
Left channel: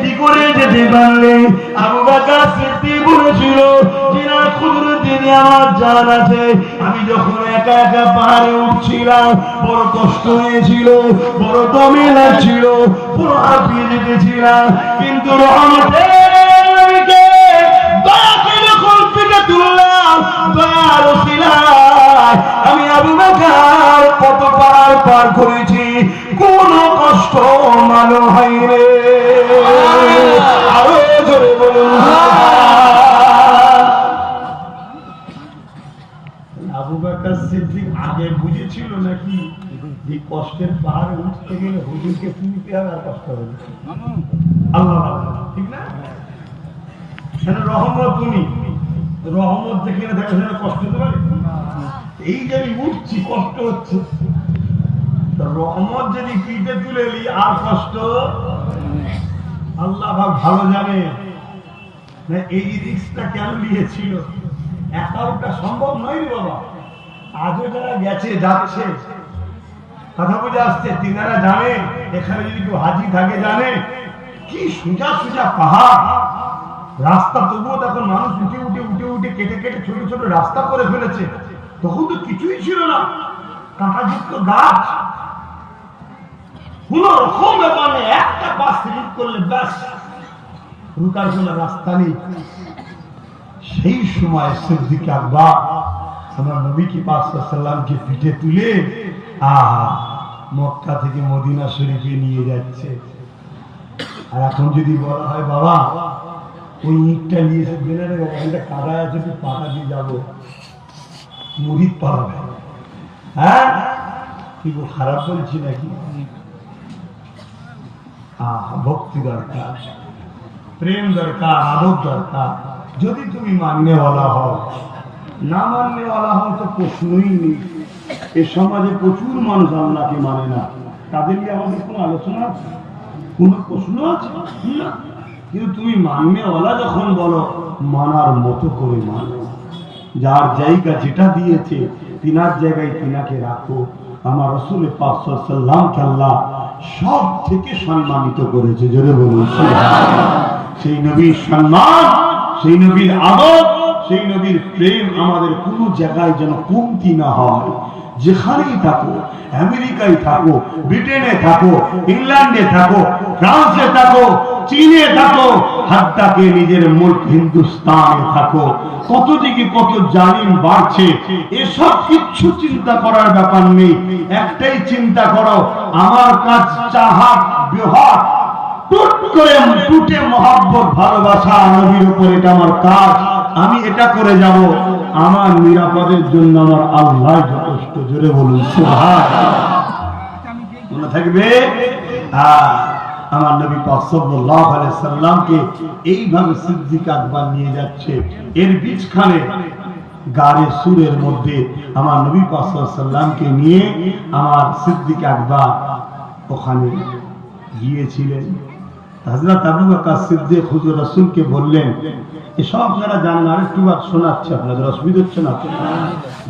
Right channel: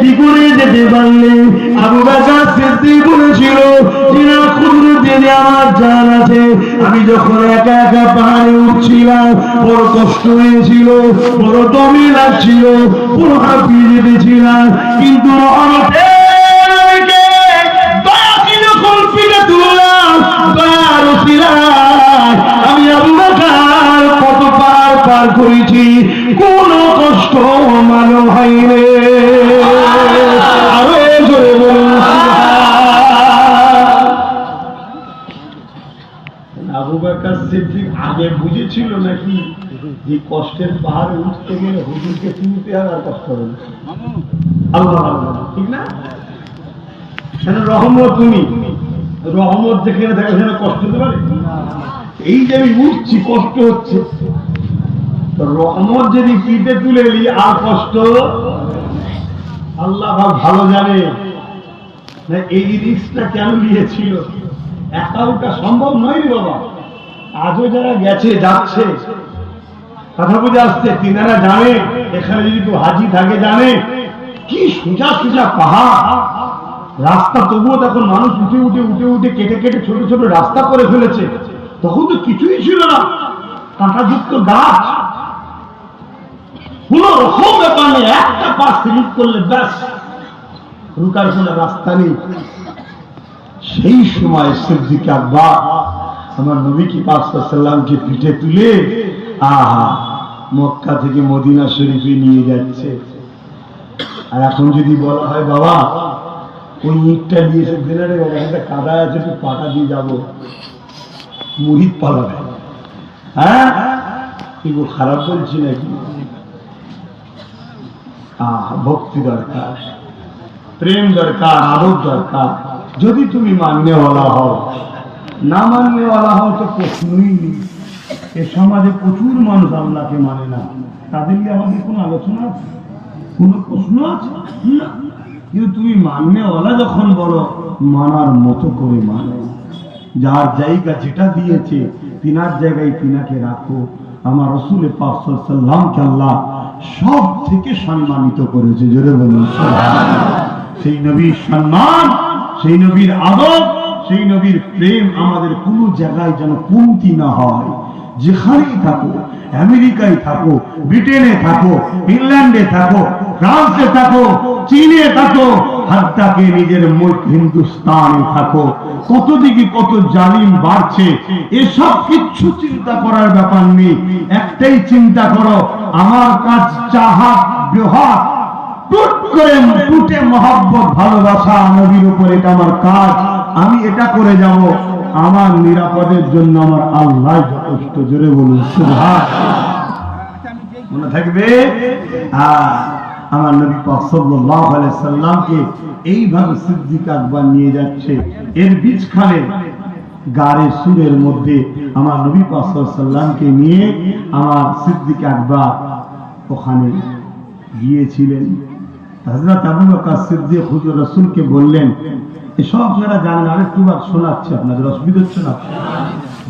কি করে যেতে পারলেন? আবু বকর সিদ্দিক বলেছিল, যিনা কুদরত দিয়ে আমার জান আছে, আমি যখন একা একা পাহাড়ে উঠছিলাম বড় কষ্ট হয়েছিল, বড় দমে লাগছিল, পুরো হাঁপিয়ে যেতেছিলাম, কিন্তু রহমতের নবীকে দয়াকে যখন পিঠে তুললাম, দয়ার ওসিলায় আমি আবু বকর কত পার করেছি, কোনো কষ্ট মালুম হয়নি। আরো জোরে বলুন। আবু বকর সিদ্দিক আগে বুঝেছিল নাকি যে কষ্টের পাহাড়ে উঠতে গেলে হুজুরকে তুলতে হবে আর কষ্ট হবে? আল্লাহ ঠিক না? রহমত, তুমি রহমত যেখানে থাকে সেখানে কষ্ট হতে পারে? এই যে আমি উঠছি কষ্ট হচ্ছে, রহমত যদি পিঠে তুলে নি আর কষ্ট, আল্লাহ ভালো জানে না এই রিস্কটা কেন নিয়েছিল। একা ওটা সম্ভব নয় রে বাবা। আজও যারা গেছে যাচ্ছে, কথা বুঝে আসছে, তিনারা জানে এখানে যদি কেউ হাজি থাকে জানে কি সোজা সোজা পাহাড় রাস্তা, তবুও তখন মানুষ উঠে উঠে উঠে উঠে কেটে কেটে ছোট ছোট রাস্তা করে ফেলেছে। তখন তো কিছুই ছিল না, কাঁটাযুক্ত গাছ, কোন রকম ব্যাপার নেই, একটা পা স্লিপ করলে ব্যাস রুকার কোনো রাস্তা নেই। সেই সময় সিদ্দিক আকবর আমার নবী কি পাক সাল্লাল্লাহু পিঠে তুলে মক্কা থেকে মদিনা শরীফে নিয়ে যাচ্ছে। আর এখন যদি বলা হয় বাবা ওই ইটটা নিয়ে এসে দিলেন, একটা কাদা আছে, একটু পাটা দিয়ে যাবো, মুরিদ পালাবে। হ্যাঁ কি খারাপ বলছি নাকি? ভক্তি দরকার, প্রেম দরকার, আদব দরকার। যদি তুমি মাননেওয়ালা হও, না মাননেওয়ালা হও তো প্রশ্নই নেই। এ সমাজে প্রচুর মানুষ আপনাকে মানে না, তাদের নিয়ে আমাদের কোনো আলোচনা আছে, কোনো প্রশ্ন আছে? কিন্তু তুমি মাননেওয়ালা যখন বড়, মানার মতো করে মানো। যার জায়গা যেটা দিয়েছে তিনার জায়গায় তিনাকে রাখো। আমার রাসূল পাক সাল্লাল্লাহু আলাইহি ওয়াসাল্লামকে আল্লাহ সব থেকে সম্মানিত করেছে, জোরে বলুন সুবহানাল্লাহ। সেই নবীর সম্মান, সেই নবীর আদব, সেই নবীর প্রেম আমাদের কোনো জায়গায় যেন কমতি না হয়। যেখানেই থাকো, আমেরিকায় থাকো, ব্রিটেনে থাকো, ইংল্যান্ডে থাকো, ফ্রান্সে থাকো, চীনে থাকো, হাত্তাকে নিজের মুল্ক হিন্দুস্তানে থাকো, কত দিকে কত জালিম বাড়ছে, এসব কিচ্ছু চিন্তা করার ব্যাপার নেই। একটাই চিন্তা করো, আমার কাজ চাহাত বিহাত টুট করে টুটে মহব্বত ভালোবাসা নবীর উপর, এটা আমার কাজ, আমি এটা করে যাব, আমার নিরাপদের জন্য আমার আল্লাহ যথেষ্ট। জোরে বলুন সুবহানাল্লাহ। মনে থাকবে আমার নবী পাক সাল্লাল্লাহু আলাইহি সাল্লামকে এইভাবে সিদ্দিক আকবর নিয়ে যাচ্ছে। এর বীজখানে গাড়ে সুরের মধ্যে আমার নবী পাক সাল্লাল্লাহু আলাইহি সাল্লামকে নিয়ে আমার সিদ্দিক আকবর ওখানে গিয়েছিলেন। হযরত আবু বকর সিদ্দিক হুজুর রাসূলকে বললেন, এসব যারা জানেন আরেকটু বার শোনাচ্ছে, আপনাদের অসুবিধা হচ্ছে না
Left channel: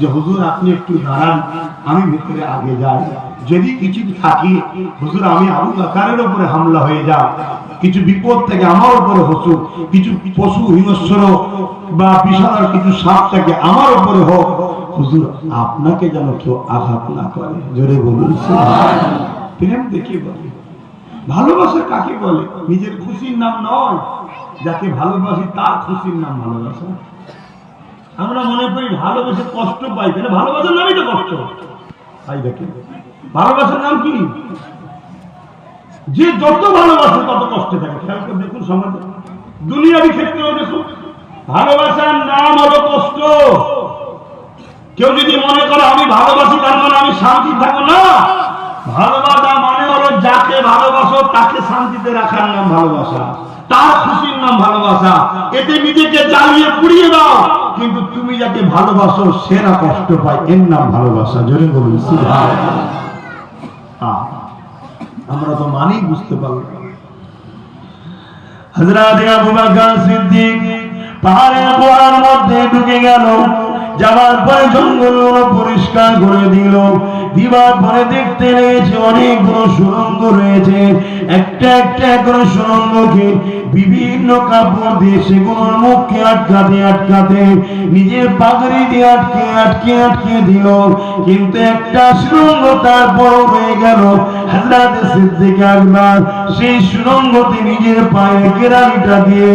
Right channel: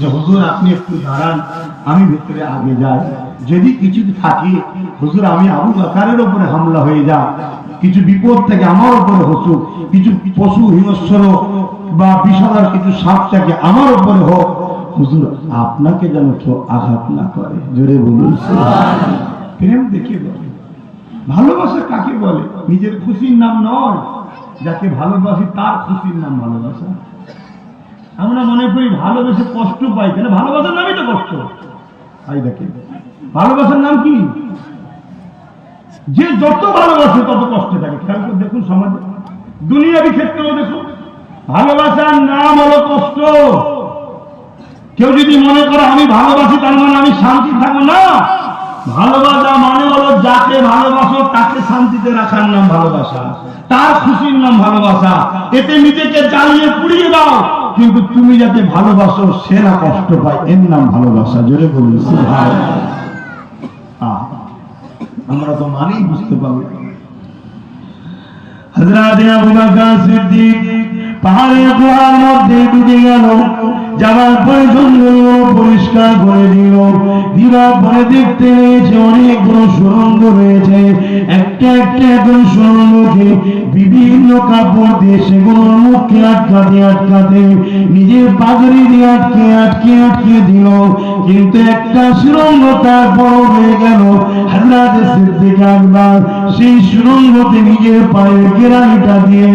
যে হুজুর আপনি একটু দাঁড়ান, আমি ভিতরে আগে যাই, যদি কিছু থাকে হুজুর আমি আবু বকরের উপরে হামলা হয়ে যায়, কিছু বিপদ থেকে আমার উপরে হসুক, কিছু পশু হিংস্র বা বিষাদার কিছু সাপ থেকে আমার উপরে হোক, হুজুর আপনাকে যেন কেউ আঘাত না করে। জোরে বলুন সুবহানাল্লাহ। প্রেম দেখে বলে, ভালোবাসা কাকে বলে? নিজের খুশির নাম নয়, যাকে ভালোবাসি তার খুশির নাম ভালোবাসা। আমরা মনে করি ভালোবেসে কষ্ট পাই, কেন? ভালোবাসার নামই তো কষ্ট। তাই দেখেন ভালোবাসার নাম কি? যে যত ভালোবাসে তত কষ্টে থাকে। খেয়াল করে দেখুন সমাজে, দুনিয়াবি ক্ষেত্রেও দেখুন, ভালোবাসার নাম হলো কষ্ট। কেউ যদি মনে করে আমি ভালোবাসি তার মানে আমি শান্তি থাকবো, না। ভালোবাসা মানে হলো যাকে ভালোবাসো তাকে শান্তিতে রাখার নাম ভালোবাসা, তার খুশির নাম ভালোবাসা। এতে নিজেকে জ্বালিয়ে পুড়িয়ে দাও, কিন্তু তুমি যাকে ভালোবাসো সে না কষ্ট পায়, এর নাম ভালোবাসা। জোরে বলুন সুবহানাল্লাহ। আমরা তো মানেই বুঝতে পারলাম। হযরত আবু বকর সিদ্দিক পাহাড়ের গুহার মধ্যে ঢুকে গেল। যাওয়ার পরে জঙ্গলগুলো পরিষ্কার করে দিল। দিবার পরে দেখতে লেগেছে অনেকগুলো সুড়ঙ্গ রয়েছে। একটা একটা করে সুড়ঙ্গকে বিভিন্ন কাপড় দিয়ে সেগুলোর মুখকে আটকাতে নিজের পাগড়ি দিয়ে আটকে দিল। কিন্তু একটা সুড়ঙ্গ তারপর হয়ে গেল। হযরত সিদ্দিক আকবর সেই সুড়ঙ্গতে নিজের পায়ের কেরানিটা দিয়ে,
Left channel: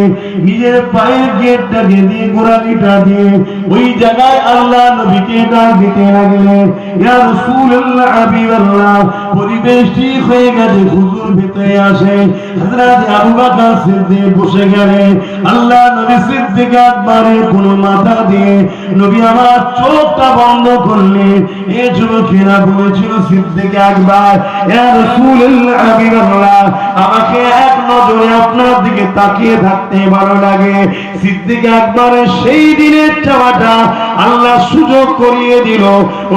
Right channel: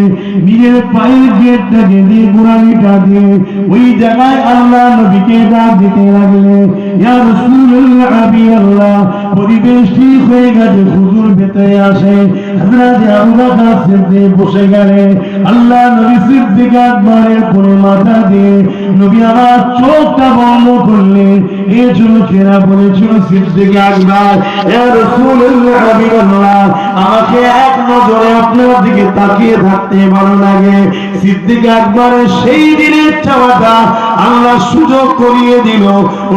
নিজের পায়ের গেটটাকে দিয়ে, গোড়ালিটা দিয়ে ওই জায়গায় আল্লাহ নবীকে ডাক দিতে লাগলেন, ইয়া রাসূলুল্লাহ, হাবিবাল্লাহ। পরিবেশ ঠিক হয়ে গেছে, হুজুর ভেতরে আসে। হযরত আবু বকর সিদ্দিক বসে গেলেন। আল্লাহ নবী সিদ্দিক আকবরের কোন মাথা দিয়ে নবী আমার চোখটা বন্ধ করলেন। এই যুবকেরা বলেছিল, সিদ্দিক আকবর, ইয়া রাসূলুল্লাহ, হাবিবাল্লাহ, আমাকে এক নজরে আপনার দিকে তাকিয়ে থাকতে ভালো লাগে। সিদ্দিক আকবরের সেই দিনের চাওয়াটা আল্লাহ সুযোগ করিয়ে দিল।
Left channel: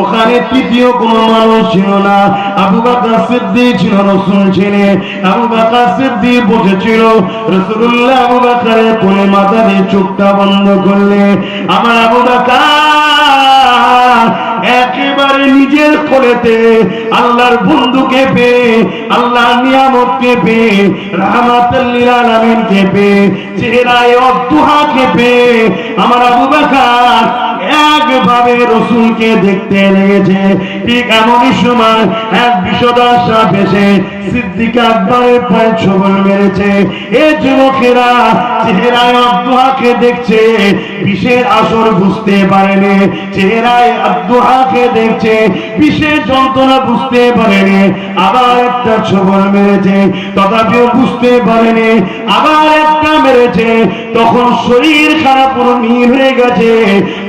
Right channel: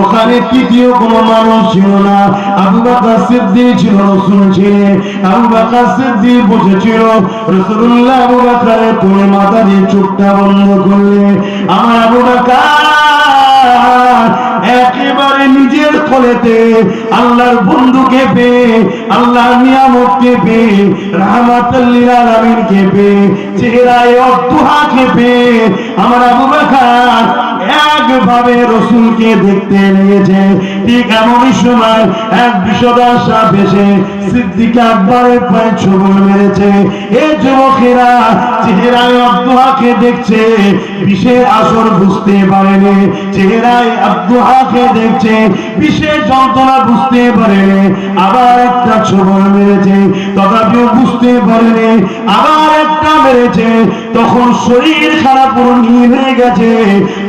ওখানে তৃতীয় কোনো মানুষ ছিল না। আবু বকর সিদ্দিক ছিল, রাসূল ছিলেন। আবু বকর সিদ্দিক বসেছিল, রাসূলুল্লাহ আবু বকরের কোলে মাথা দিয়ে চোখটা বন্ধ করলে আমার আবু বকর একেবারে নিজের কোলেতে আল্লাহর বন্ধুকে পেয়ে, আল্লাহর নিয়ামতকে পেয়ে, রাহমাতুল লিল আলামিনকে পেয়ে, চেহারায় অদ্দুহাকে পেয়ে আমার আবু বকর একভাবে রাসূলকে দেখতে লেগেছে। ঠিক এমনই সময় এক বিষদশা এসে সিদ্দিক আকবরের পায়ে ছোবল মেরেছে। এই যুবকেরা চেহারায় অদ্দুহাকে দেখছে, বিষের আসর বুঝতে পারেনি। চেহারায় অদ্দুহাকে দেখছে, বিষের যন্ত্রণা বুঝতে পারেনি। আবার একটা ছোবল মেরেছে, তথাপিও বুঝতে পারেনি। আবার একটা মেরেছে, তখন শরীর খারাপ পুরো নীল হয়ে গেছে।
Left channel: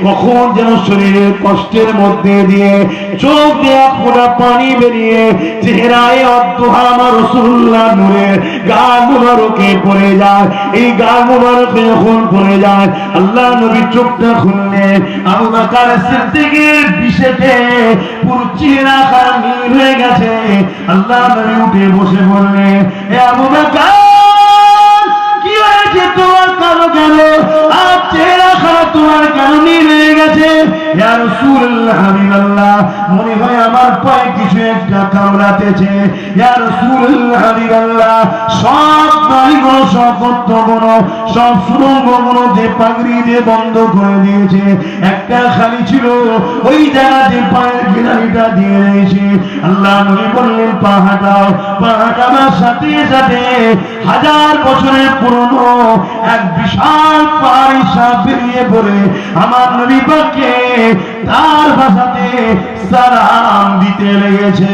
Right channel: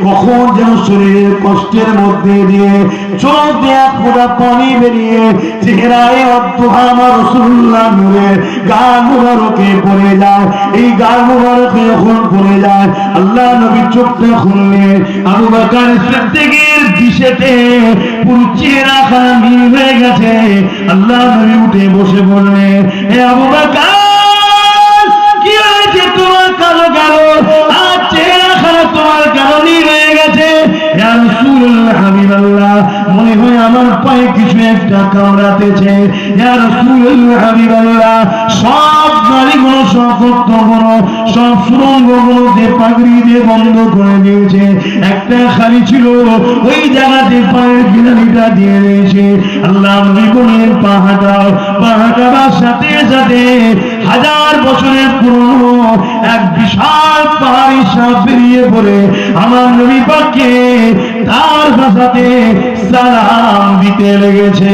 কখন যেন শরীরের কষ্টের মধ্যে দিয়ে চোখ দিয়ে এক ফোঁটা পানি বেরিয়ে চেহারায় অদ্দুহা আমার রাসূলুল্লাহ নূরে গাল মুবারকে পড়ে যায়। এই গাল মুবারকে যখন পড়ে যায়, আল্লাহ নবী চোখটা খুললেন। আবু বকর সিদ্দিকের বিষেতে পুরো চেহারা খারাপ নীল হয়ে গেছে। আল্লাহ নবী উঠে বসে বললেন, হে আবু বকর, কি হয়েছে তোমার? কালো কেন? আর চেহারা খারাপ তোমার কেন নীল হয়ে গেছে? ইয়া রাসূলুল্লাহ, হাবিবাল্লাহ, মনে হয় আমার পায়ে কিছু একটা কামড়াতেছে। ইয়া রাসূলুল্লাহ, হাবিবাল্লাহ, সব নারীগুলো, সব পথগুলো, সব সুড়ঙ্গগুলো যে পাগড়ি দিয়ে বন্ধ করে দিয়েছে, একটা খালি ছিল, ওই জায়গাতে পায়ের গিলামিটা দিয়ে রয়েছে। আল্লাহ নবী বললেন, পা হাঁটাও। পা হাঁটাবার সাথে সাথে 1000 বছরের পুরনো এক বিশাল পাহাড়ি সাপ বেরিয়ে পড়ে আমার নবী পাককে তার ভাষাতে সালাম দিতে লেগেছে।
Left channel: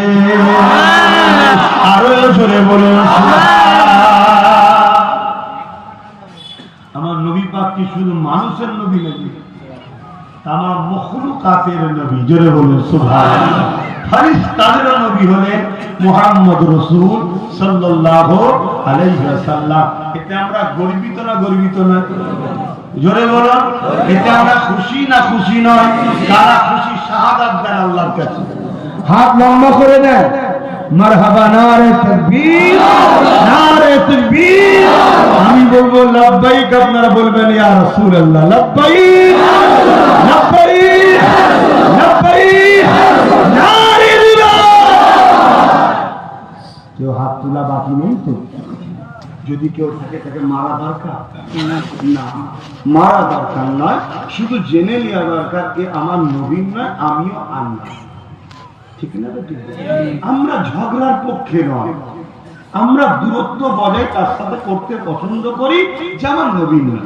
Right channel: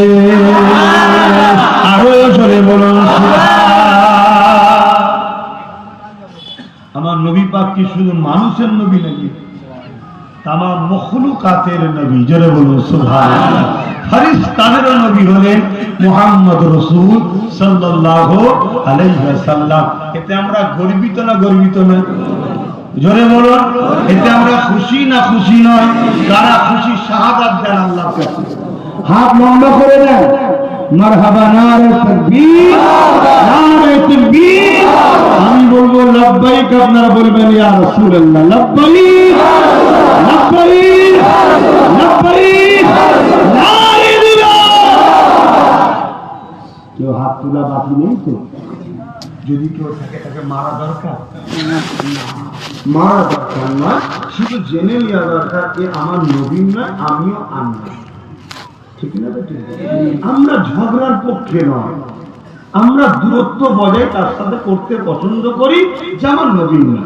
আরো জোরে বলুন আমার নবী পাক কি শুধু মানুষের নবী নাকি? তামাম মখলুকাতের নবী। জোরে বলুন সুবহানাল্লাহ। ফেরেশতাদের নবী হলেন মুহাম্মদ রাসূল সাল্লাল্লাহু আলাইহি ওয়াসাল্লাম। এতে আমরা গর্বিত না গর্বিত নয়? জোরে বলুন, এতে আমরা খুশি না খুশি নয়? যারা খুশি শাহাদাত দেন আল্লাহর কাছে, হাত লম্বা করে দেন। মারহাবা, নারে তাকবীর, নারে তাকবীর। আমি বলবো লব্বাইক, আপনারা বলবেন ইয়া রাসূলুল্লাহ। লব্বাইক, লব্বাইক, লব্বাইক, নারে দিলাম। কেউ হাত তোলা বাকি নেই তো? যদি কেউ থাকে তাকে মারা দরকার না, মারা দরকার না, শুধু জেনে নেওয়া দরকার এ আমার নবী নয়, আমিও আনব। ঠিক না? আমরা ঝগড়ার পক্ষে নয়, আমরা দূরত্ব বজায় তার সাথে করতে পছন্দ করি, যে আমার নবী নয়।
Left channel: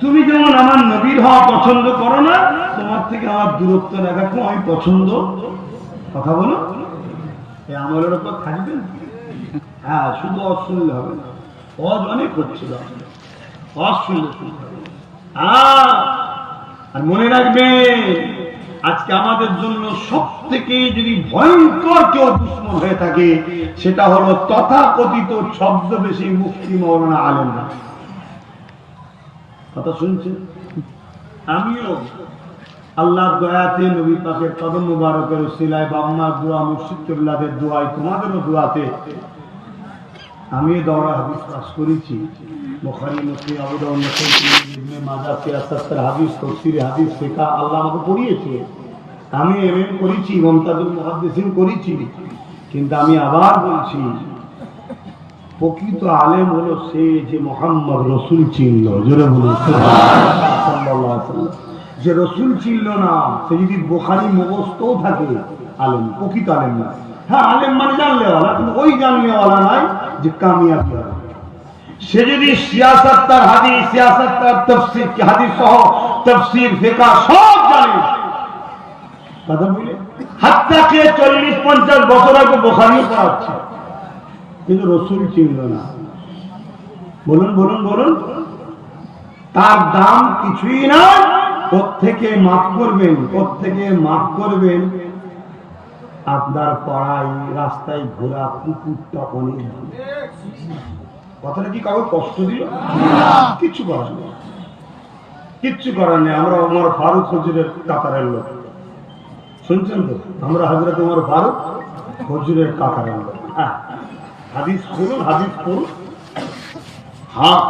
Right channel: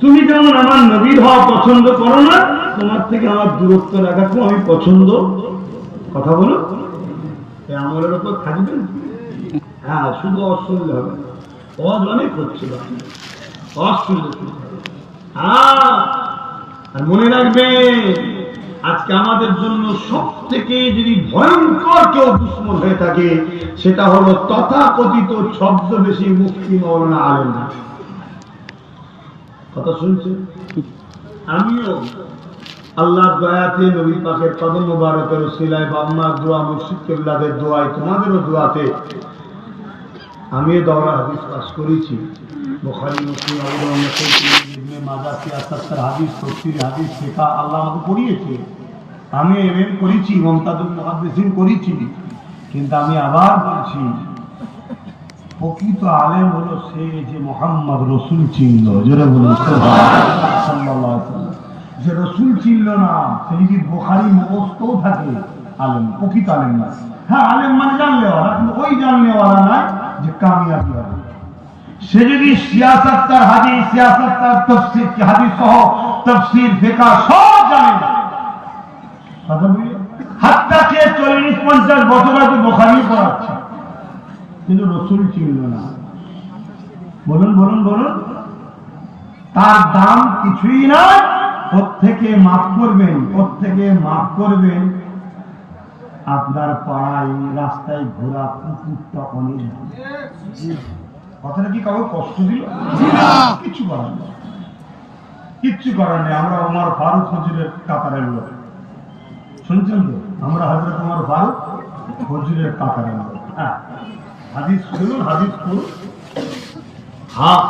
তুমি যেমন আমার নবীর হওয়া পছন্দ করো না, তোমার থেকে আমার দূরত্ব রাখাকে আমি পছন্দ। কথা বলো, এই আমলের উপর থাকবেন। হ্যাঁ, শুধু অশুনলে হবে না, অনেক হচ্ছিল, অশুনলে। আর মনে রাখবে, আজকে আমাদের জন্য সব থেকে যদি ভয়ঙ্কর কেউ দুশ্মন হয়ে থাকে, সেটা হলো তথাকথিত ছদ্মবেশী মুফতি মাওলানা আলেম। কথা শুনছে? আমিও আল্লাহর দয়াতে, নবী পাকের কদম মুবারকের উসিলায়, বাবা মার দোয়া, মুর্শিদ কিবলাদের দোয়ায়, তোমাদেরও দোয়াতে আমি দৌড়া হাদিস পাস করেছি, বুখারী মুসলিম আবু দাউদ নাসাই ইবনে মাজাহ সিয়াসাতের হাদিস, তাফসীর হাদিস, ফিকহ আল্লাহ আমাকে পড়িয়েছে। আমি এমএম করেছি, মুমতাজুল মুহাদ্দিসিন করেছি। কিন্তু আমি আবার বলছি, প্রকৃত আলেম হলো সে যে মুহাম্মদ রাসূল চিনল। জোরে বলুন সুবহানাল্লাহ। সাল্লাল্লাহু আলাইহি ওয়াসাল্লাম যে রাসূল চিনল না, সে যদি বুখারী মুখস্থ থাকে আলেম, প্রকৃত আলেম না। হ্যাঁ, আলেম মানে জানলেওয়ালা, কিন্তু ওই জানলেওয়ালা নাই যে কামিয়াবি হবে। সে যদি সিয়াসত তার হাদিস, সিয়াসত তার তাফসীর, হাদিস সহ তাফসীর, ফিকহ সব জানে, কথা বুঝলে, হাত্তা কে 40-50 বছর আগে বুখারী পড়াচ্ছে, কিন্তু রাসূল চিনল না। বলুন বলুন বলুন, তার দাম কিছুই না। ওর থেকে মাফ করবেন, ওর থেকে মাফ করবেন আপনার পাড়ায় রাস্তায় ঘোরা কুকুরটা অনেক ভালো। কথাটা কি কারো কষ্ট দিল? কিচ্ছু করার নেই, কিচ্ছু করার নেই। আমরা ওমর ফারুক হুজুরের কাতারের লোক, শুনছেন তো? আমরা হযরত ওমর ফারুক হুজুরের কাতারের লোক। হ্যাঁ, হাদিস শুনুন, হাদিস পড়ুন। হ্যাঁ,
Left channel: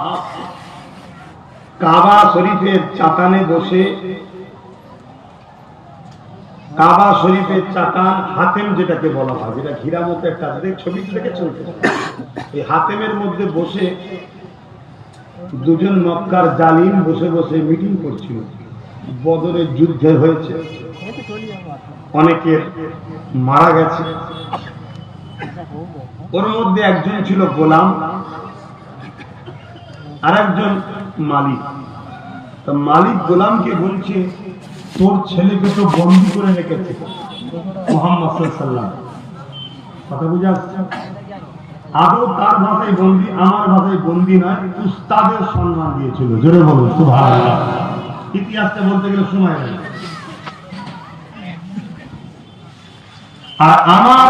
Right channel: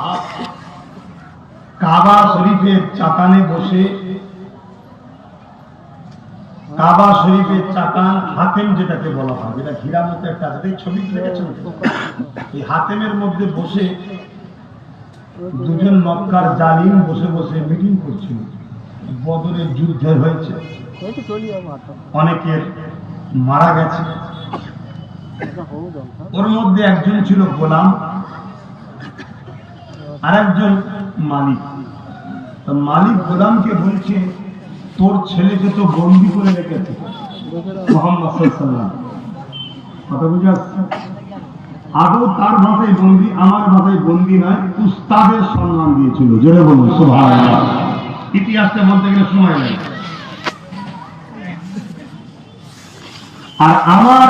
কাবা শরীফের চাতানে বসে, কাবা শরীফের চাতান হাতেম যেটাকে বলা হয়, যেটা ঘিরা মতো একটা ছবি দেখেছেন, এই হাতেমের মধ্যে বসে দুজন মক্কার জালিম বসে বসে মিটিং করছিল। বদরের যুদ্ধে হয়েছে, অনেকের মারা গেছে। ওর মধ্যে একজন ছিল গোলাম, আর একজন মালিক। তো মালিক গোলামকে বলছে, তোর ছেলেকে তো বন্দী করে রেখেছে মুহাম্মদ সাল্লাল্লাহু আলাইহি ওয়াসাল্লাম। কথা বুঝে আসছে? আদৌ তার ভাষায় বন্দী, আমার ভাষায় বন্দী নয়, উস্তাদের সম্মান দিয়েছিল। জোরে বলুন সুবহানাল্লাহ। ইতিহাসটা বলতে গেলে সময় লাগে। আর আমার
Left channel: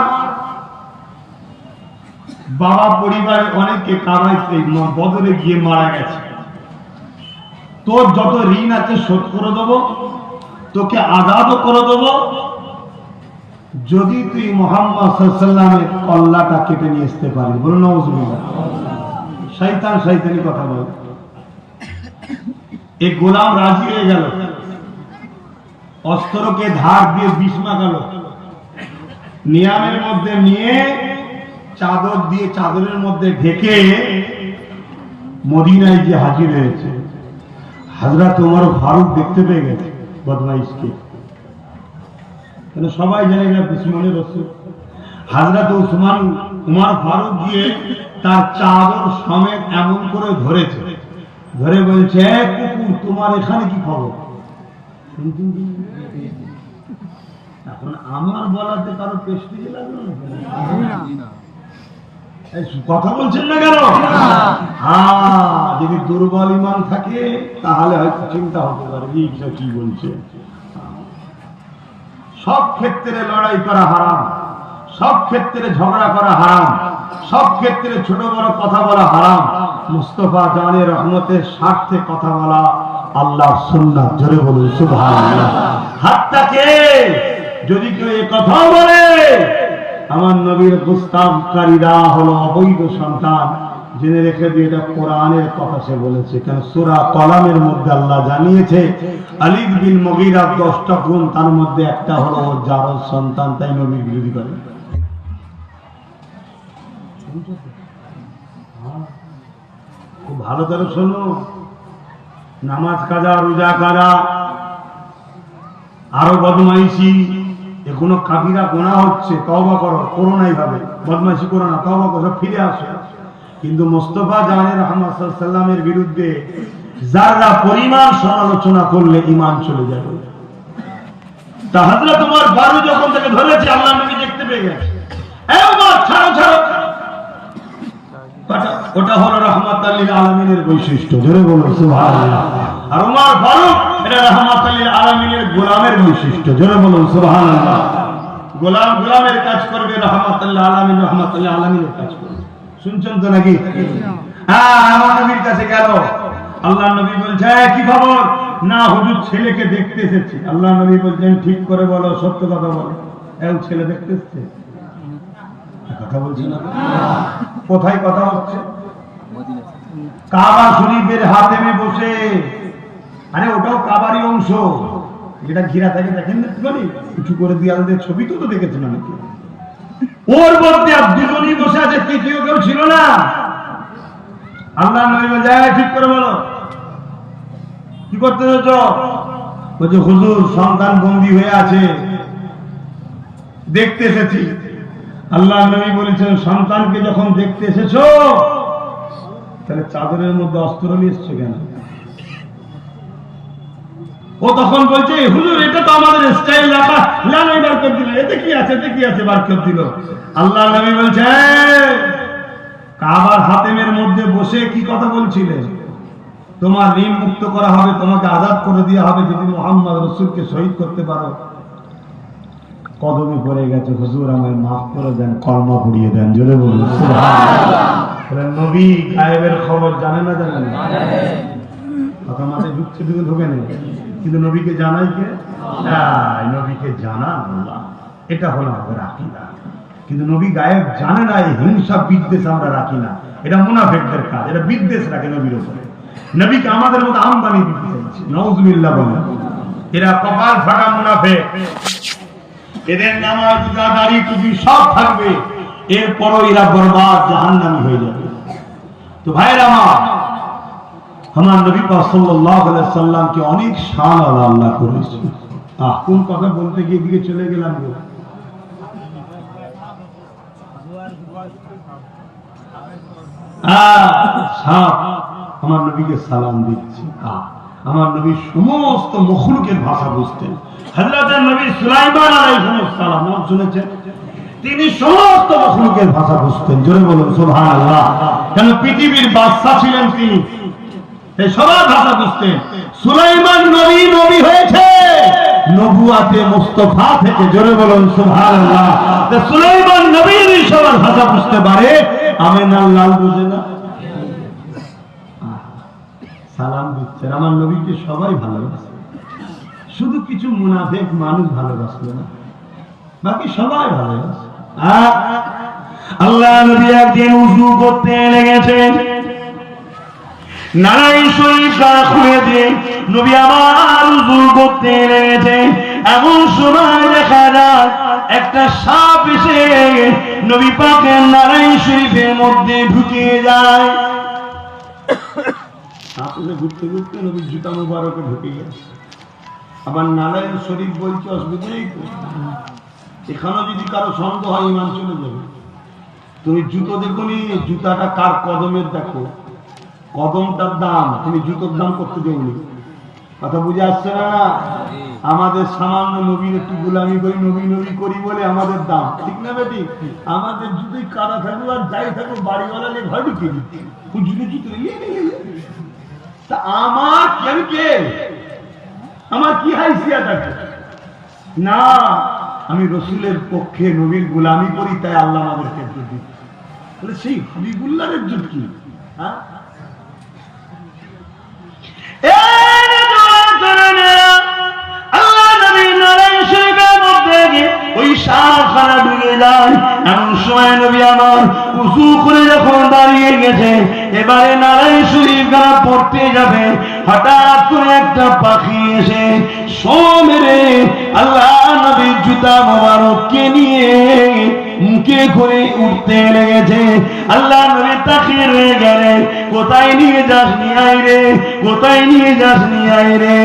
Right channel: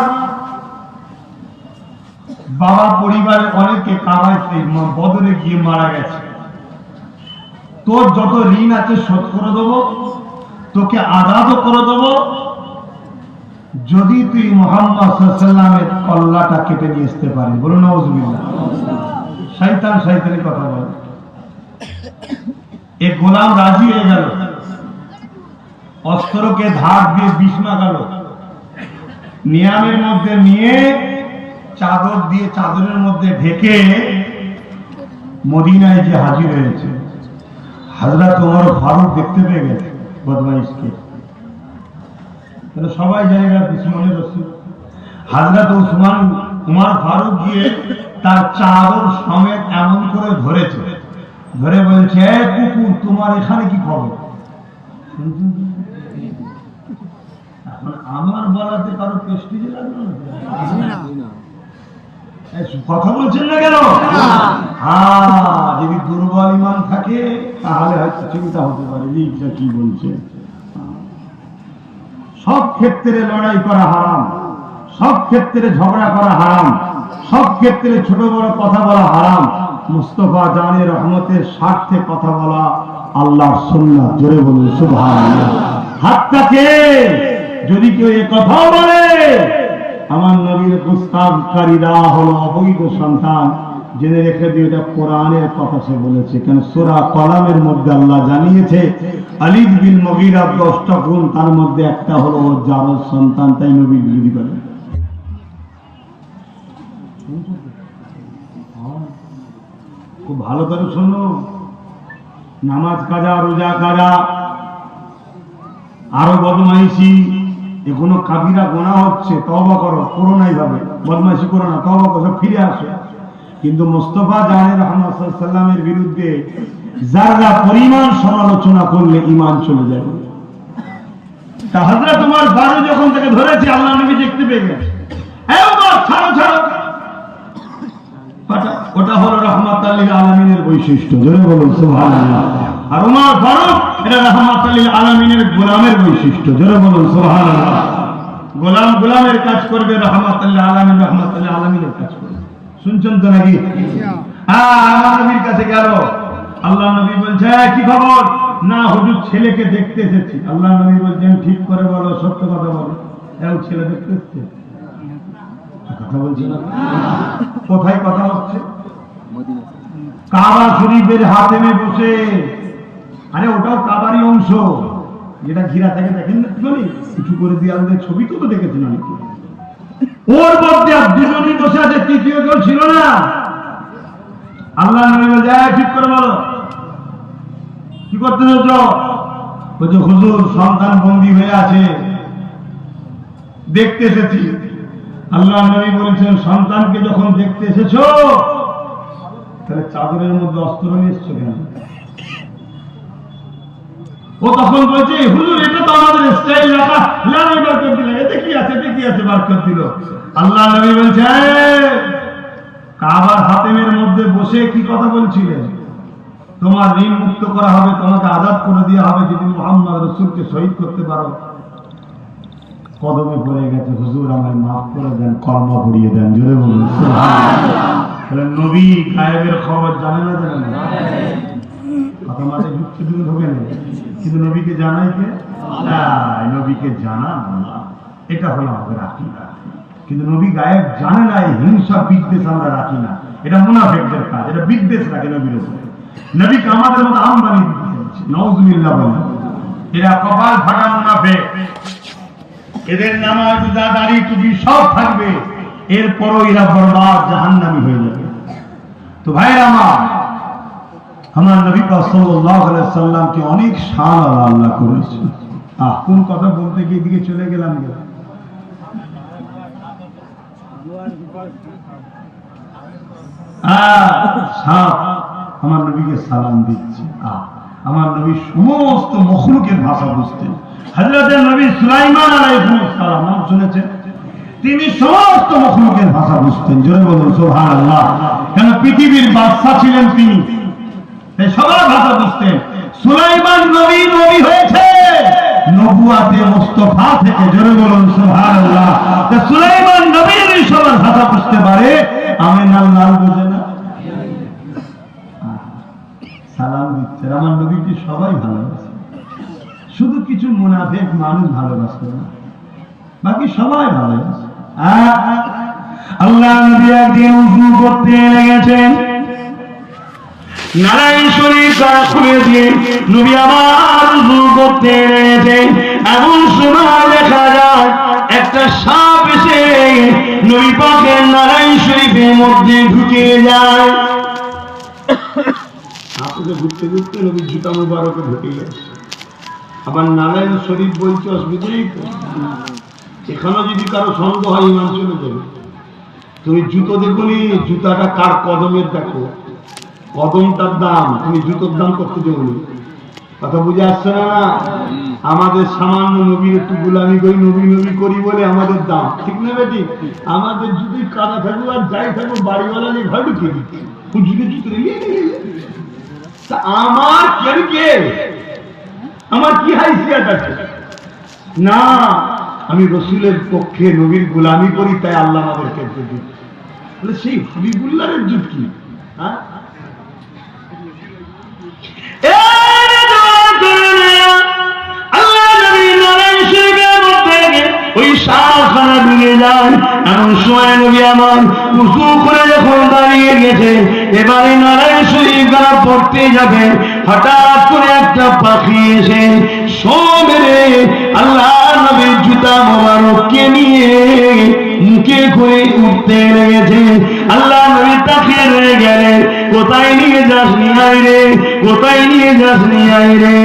বাবা পরিবারের অনেকে কাবাইতে বদরে গিয়ে মারা গেছে। তোর যত ঋণ আছে শোধ করে দেবো, তোকে আজাদও করে দেবো, যদি তুই মুহাম্মদ সাল্লাল্লাহু আলাইহি ওয়াসাল্লামের কল্লাটা কেটে নিয়ে আসতে পারিস। বলুন নাউজুবিল্লাহ। শয়তান শয়তানি কথা বলে। এক গোলাম রাজি হয়ে গেল, অস্ত্রকে ধার দিয়ে বিষ মাখালো, নিয়ামের মধ্যে নিয়ে চাদর দিয়ে চাদরের মধ্যে ঢেকে মদিনায় গিয়ে হাজির হয়েছে। হযরত ওমর ফারুক দেখতে পেয়ে গেছে বদমাইশকে, তাহলে সবাই জানে না দুশমনের রাসূল। হযরত ওমর ফারুক গিয়ে তার চাদর সমেত এমন করে ধরেছে, ধরে বলছে, কুকুর তোমার এখানে কি খবর? এখন আমার বলাতে কারো প্রেস্টিজ লাগবে না? কথা বলছেন না কেন? যদি দুর্বল ঈমান থাকে তাহলে হয়তো চিন্তা হতে পারে কি বলছে। সব ক্ষেত্রে লড়াই করা হারাম, সব ক্ষেত্রে ঝগড়া করা হারাম, সব ক্ষেত্রে ছোট বড় কথা বলা হারাম। মুস্তাফা জানের রহমতের স্বার্থে কথা বলা আল্লাহর সুন্নাত। জোরে বলুন সুবহানাল্লাহ। হাতটাকে যদি কেউ এই কথা বলে, আমার নবীর প্রস্তাবকারীরা হলো অবৈধ সন্তান, জেনে রেখে দিয়ে এটা কোরআনের কথা সে বলেছে। কেন সূরা কলামের মধ্যে আল্লাহ জানিয়েছে আলিদ বিন মুগীরা 10টা গুণ, তার মধ্যে একটা হলো যার সন্তান, তাই নবীর বিরোধী করে। খুব ভালো করে শোনো, নামাজ কাজা, রোজা কাজা, আরো বদমাইশি, এখনো কাবিরা গোনা হচ্ছে, তওবা করো, করো না এইভাবে, বদমাইশি করো না, তওবা করো, ফিরে আসো। কিন্তু মুস্তাফা জানের রহমত সাল্লাল্লাহু আলাইহি ওয়াসাল্লামের বিরুদ্ধে যারা পরিমাণ সমালোচনা করলে ঈমান চলে যাবে। তা হযরত ওমর ফারুক যখন তাকে ধরেছে, আল্লাহ নবী দেখতে পেয়ে গেছে, এই ওমর ছাড়ো ছাড়ো, ওটা হলো রাহমাতুল লিল আলামিনের বৈশিষ্ট্য। জোরে বলুন সুবহানাল্লাহ। আর ওমর ফারুক এটা রাহমাতুল লিল আলামিনের গোলামের বৈশিষ্ট্য। জোরে বলুন সুবহানাল্লাহ। গোলাম গোলামের কাজ করবে, রাহমাতুল লিল আলামিন রাহমাতুল লিল আলামিনের কাজ করবে। শুনছেন তো নাকি? আমার নবীর কাছে গেল, আল্লাহ নবী বলছে, কি খবর? না হুজুর, ছেলেকে দেখতে এসেছি। আল্লাহ নবী বলছেন, ঠিক করে বলো, সত্য কথা বলো, এও ছেলে দেখতে এসেছে? কথা বলছি না? কোথায় কথা হচ্ছে? কাবা শরীফের হাতেমে বসে। আরে ওটাও কাবারই অংশ, যেটা ঘিরা থাকে, দেখেন না একটুখানি কিছু করে দেওয়ালদের ছবি তো দেখেছেন অনেকে। ওর মধ্যে দুজনই বসে আছে, তৃতীয় কেউ ছিল না। আল্লাহ নবী বলে, ঠিক করে বলো কি করতে হচ্ছ? বলছে হুজুর সন্তান বন্দী হয়ে আছে, দেখতে এসেছি। আল্লাহ নবী বলেছেন, সন্তানকে যখন দেখতে এসেছো তাহলে চাদরের মধ্যে অস্ত্র নিয়ে এসছো কেন? ও তখন বলছে, হুজুর এটা তো আমাদের স্টাইল, লাগাই বার করে দিল, এতে কি আছে, এতে কি আছে, বার করে দিল। আল্লাহ নবী বলছে, কাবার হাতেমের মধ্যে বসে কি কথা বলছিলে? তোমার ঋণ মুক্ত করা হবে, তোমাকে আজাদ করে দেওয়া হবে যদি মুহাম্মদ রাসূলকে শহীদ করতে পারো। কদমে পড়ে গেছে, হুজুর আমায় মাফ করে দেন, কলমা পড়িয়ে দেন। জোরে বলুন সুবহানাল্লাহ। নবী গায়েবের খবর জানে না, জানে না? কথা মাথায় ঢুকছে, ঢুকে নেই, কিন্তু নবীকে জানাই কে? নবীকে জানা আল্লাহ। এটা হলো আমাদের আকীদা। কিন্তু নবী গায়েব জানে না, এই হিংসা বিদ্বেষ আমরা রাখি না। এটা মুনাফিকদের কাজ, এটা বিদ্বেষ রাখে নবীর উপরে। নবীকে আমাদের মতো আমদানি দিতে চাইছে, নাউযুবিল্লাহ বলেন। এরা কপাল ফাটা মুনাফিক। এদের নামাজ রোজা দাড়ি টুপি সব থাকবে, এরপরও এরা বরবাদ, জাহান্নামী হয়ে যাবে। তো ভাইরা আমার নবী পাক সাল্লাল্লাহু আলাইহি সাল্লামকে অনেক শান আল্লাহ করেছে। কোন কথা বলতে গিয়ে দিকে চলে গেলাম গো। আমার নবীকে সালাম দিচ্ছি। আমার নবী সমস্ত মখলুকের ভাষা বুঝতেন। হযরত নবী সুলাইমান আলাইহিস সালাম নাম শুনেছেন? তিনি সমস্ত মখলুকের ভাষা বুঝতেন। জোরে বলুন সুবহানাল্লাহ। কেন? পৃথিবীর বাদশা ছিলেন তিনি, তাই সবার ভাষা বুঝতেন। সুলাইমান নবী নবী হয়েছে নবুয়াতে মুস্তাফা থেকে। জোরে বলুন সুবহানাল্লাহ। সুলাইমান নবীর সবার ভাষা বুঝতে পারে, আমিনার লাল বুঝে না। সালাম দিচ্ছেন, আমার নবীকে সবাই ভালোবাসে, শুধু কিছু মুনাফিক মানুষ ভালোবাসে না, বাকি সবাই ভালোবাসে। আল্লাহ নবী একদিন উযু করতে লেগেছেন, নারাই শরীফ খুলে দিয়ে নবী আমার উযু করতে লেগেছেন। এমন সময় দেখা যায় একটা সাপ এসে নবী পাকের নারাই শরীফের মধ্যে ঢুকে যায়। সাপে ঘুরতে ঘুরতে নবীর জুতা মুবারকে ঢুকে গেছে। আবার নারায়ণ শরীফ বলছে, অসুবিধাই এখানে যদি কারো সন্দেহ হয় ইমান চলে যাবে। তুমি জুতো দেখোনি, জুতাটা কার কদমের দেখো, কদমটার দাম, তুমি জুতোর দাম করতে দেবনি। কথা বুঝে আসছে না? আমাদের সামান্য নবীর একটু গোলামি করি, নবী নবী করি বলে আমাদের দাম, ঠিক না বেটি? আমাদের জুতোই কাদা থাকবো আর যাই থাকবো, বাড়িওয়ালা নিয়ে ঘর ঢুকিয়ে দিচ্ছে। আমার কেন কে, আমার কি হাইসিয়াত আছে? না, আমি রসুলের পক্ষে নবীর গোলামি করি, তাই আল্লাহ আমাদেরকে দিচ্ছে। বলে সেই হাবিবুল্লাহর ইজ্জত কি? আল্লাহ নবী নারায়ণ শরীফের মধ্যে ওই সাপখানা ডুবে যায়। এমন সময় নবী আমার উযু করে যখন দাঁড়িয়ে গেছে, এবারে নারায়ণ শরীফ খানা পড়তে যাবে, হঠাৎ করে একটা পাখি এসে মেরে আল্লাহ নবীর জুতা মোবারককে নিয়ে মুখে করে উঠতে লেগেছে। আল্লাহ নবী তাকিয়ে রয়ে গেলেন, কোথায় নিয়ে যাস নি আই রে, কোথায় নিয়ে যাস নি আই রে।